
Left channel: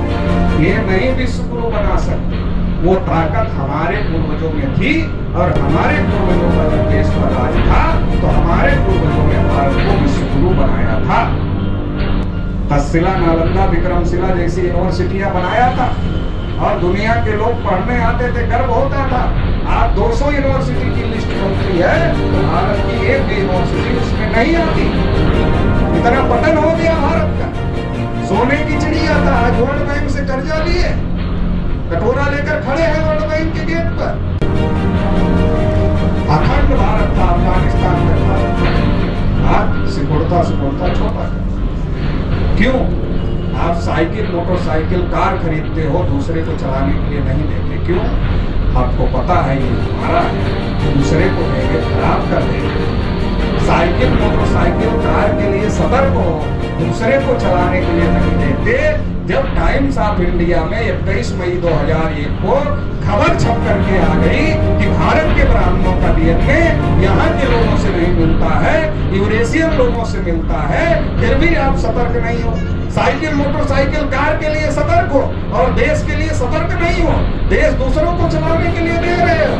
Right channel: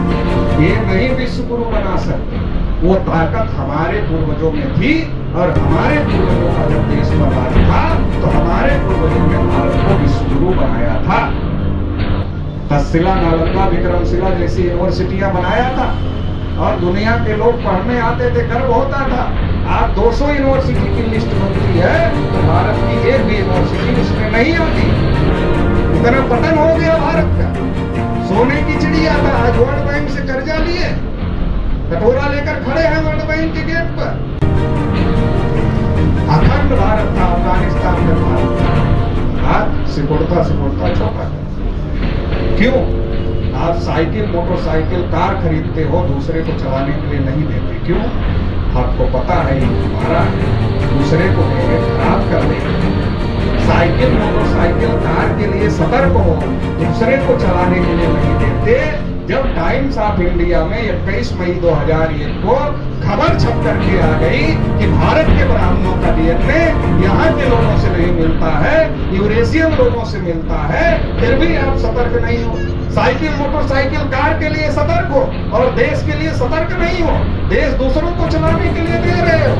ये नहीं विश्वगुरु बना सकते। वो ताकत हमारे पूर्वजों में थी, और हमारे पूर्वजों का जब देश पर राज था तो हमारे पूर्वजों ने भारत को विश्वगुरु बनाया था। तक्षशिला, नालंदा, विक्रमशिला जैसी यूनिवर्सिटियां बनाया था, और दुनिया के लोग पढ़ने आते थे, गर्व होता था। आज 200 यूनिवर्सिटी की लिस्ट बनती है तो भारत की एक भी यूनिवर्सिटी उसमें नहीं आती। इतना पतन हो गया भारत का। सोने की चिड़िया था, आज वर्ल्ड बैंक से कर्जा लिए, कटोरा लेकर खड़े हैं वर्ल्ड बैंक के गेट पर। अखंड भारत था, अफगानिस्तान तक भारत था, आज सिकुड़ता छोटा था। क्यों? आप साइकिल, मोटरसाइकिल, कार खरीदते हो, दूसरे को चलाने के लिए नहीं देते। क्यों? आपको पता है ये हमारा है, दूसरे को देंगे खराब कर देंगे। साइकिल, मोटरसाइकिल, कार के लिए सतर्क हो, दूसरे को चलाने के लिए नहीं देते। जब टाइम्स ऑफ इंडिया में 21 मई 2001 को खबर छप करके आ गई कि भारत के ब्राह्मणों का DNA यहाँ के लोगों से नहीं मिलता है, यूरेशियन लोगों से मिलता है, फिर भी आप सतर्क नहीं हो। साइकिल मोटरसाइकिल कार के लिए सतर्क हो और देश के लिए सतर्क नहीं हो, देश दूसरों को चलाने के लिए दे रहे हो।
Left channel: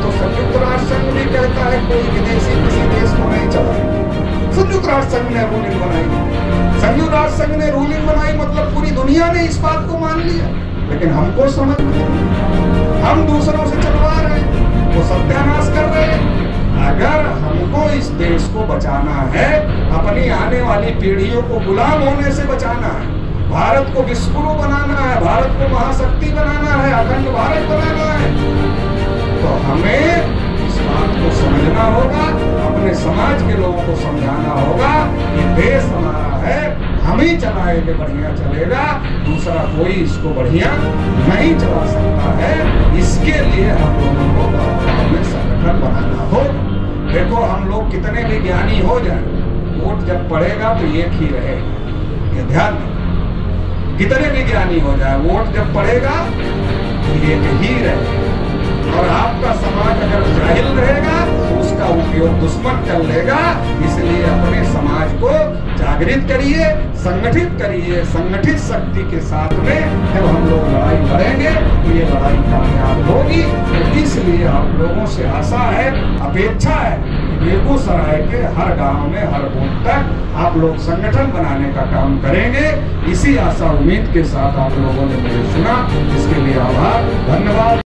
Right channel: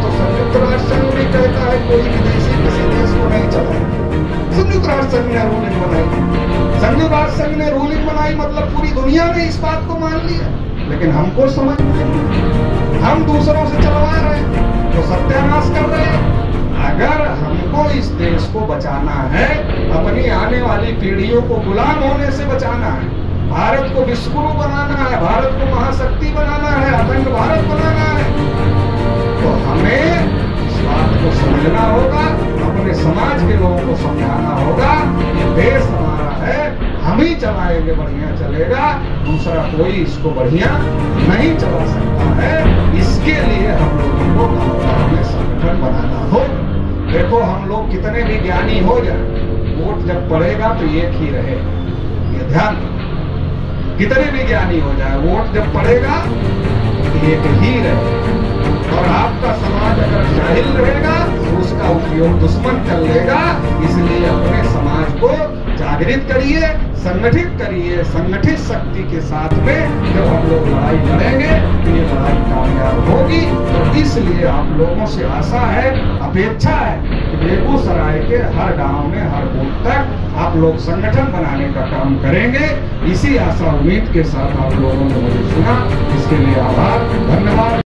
तो संयुक्त राष्ट्र संघ भी कहता है कोई विदेशी किसी देश को नहीं चलाएगा। संयुक्त राष्ट्र संघ ने रूलिंग बनाई, संयुक्त राष्ट्र संघ ने रूलिंग बनाई मतलब पूरी दुनिया ने इस बात को मान लिया, लेकिन हमको समझ नहीं, हम दूसरों से चलवा रहे हैं, वो सत्यानाश कर रहे हैं। अगर हमको इस देश को बचाना है, अपनी आने वाली पीढ़ियों को गुलाम होने से बचाना है, भारत को विश्वगुरु बनाना है, भारत को महाशक्ति बनाना है, अखंड भारत बनाना है, तो हमें इस बात को समझना होगा, अपने समाज के लोगों को समझाना होगा कि देश हमारा है, हम ही चलाएंगे, बढ़िया चलेगा, दूसरा कोई इसको बढ़िया नहीं चला सकता है। इसके लिए हम लोगों को गाँव में संगठन बनाना होगा। देखो हम लोग कितने भी ज्ञानी हो जाए, वोट जब पड़ेगा तो एक ही रहे, ये ध्यान रखो। कितने भी ज्ञानी हो जाए, वोट जब पड़ेगा तो एक ही रहे। और आपका समाज अगर जाहिल रहेगा तो उसका उपयोग दुश्मन कर लेगा। इसलिए अपने समाज को जागृत करिए, संगठित करिए। संगठित शक्ति के साथ में जब हम लोग लड़ाई लड़ेंगे तो ये लड़ाई कामयाब होगी। तो इसलिए आप लोगों से आशा है, अपेक्षा है कि बेगूसराय के हर गांव में, हर बूथ तक आप लोग संगठन बनाने का काम करेंगे। इसी आशा उम्मीद के साथ आप लोगों ने मुझे सुना, इसके लिए आभार, धन्यवाद।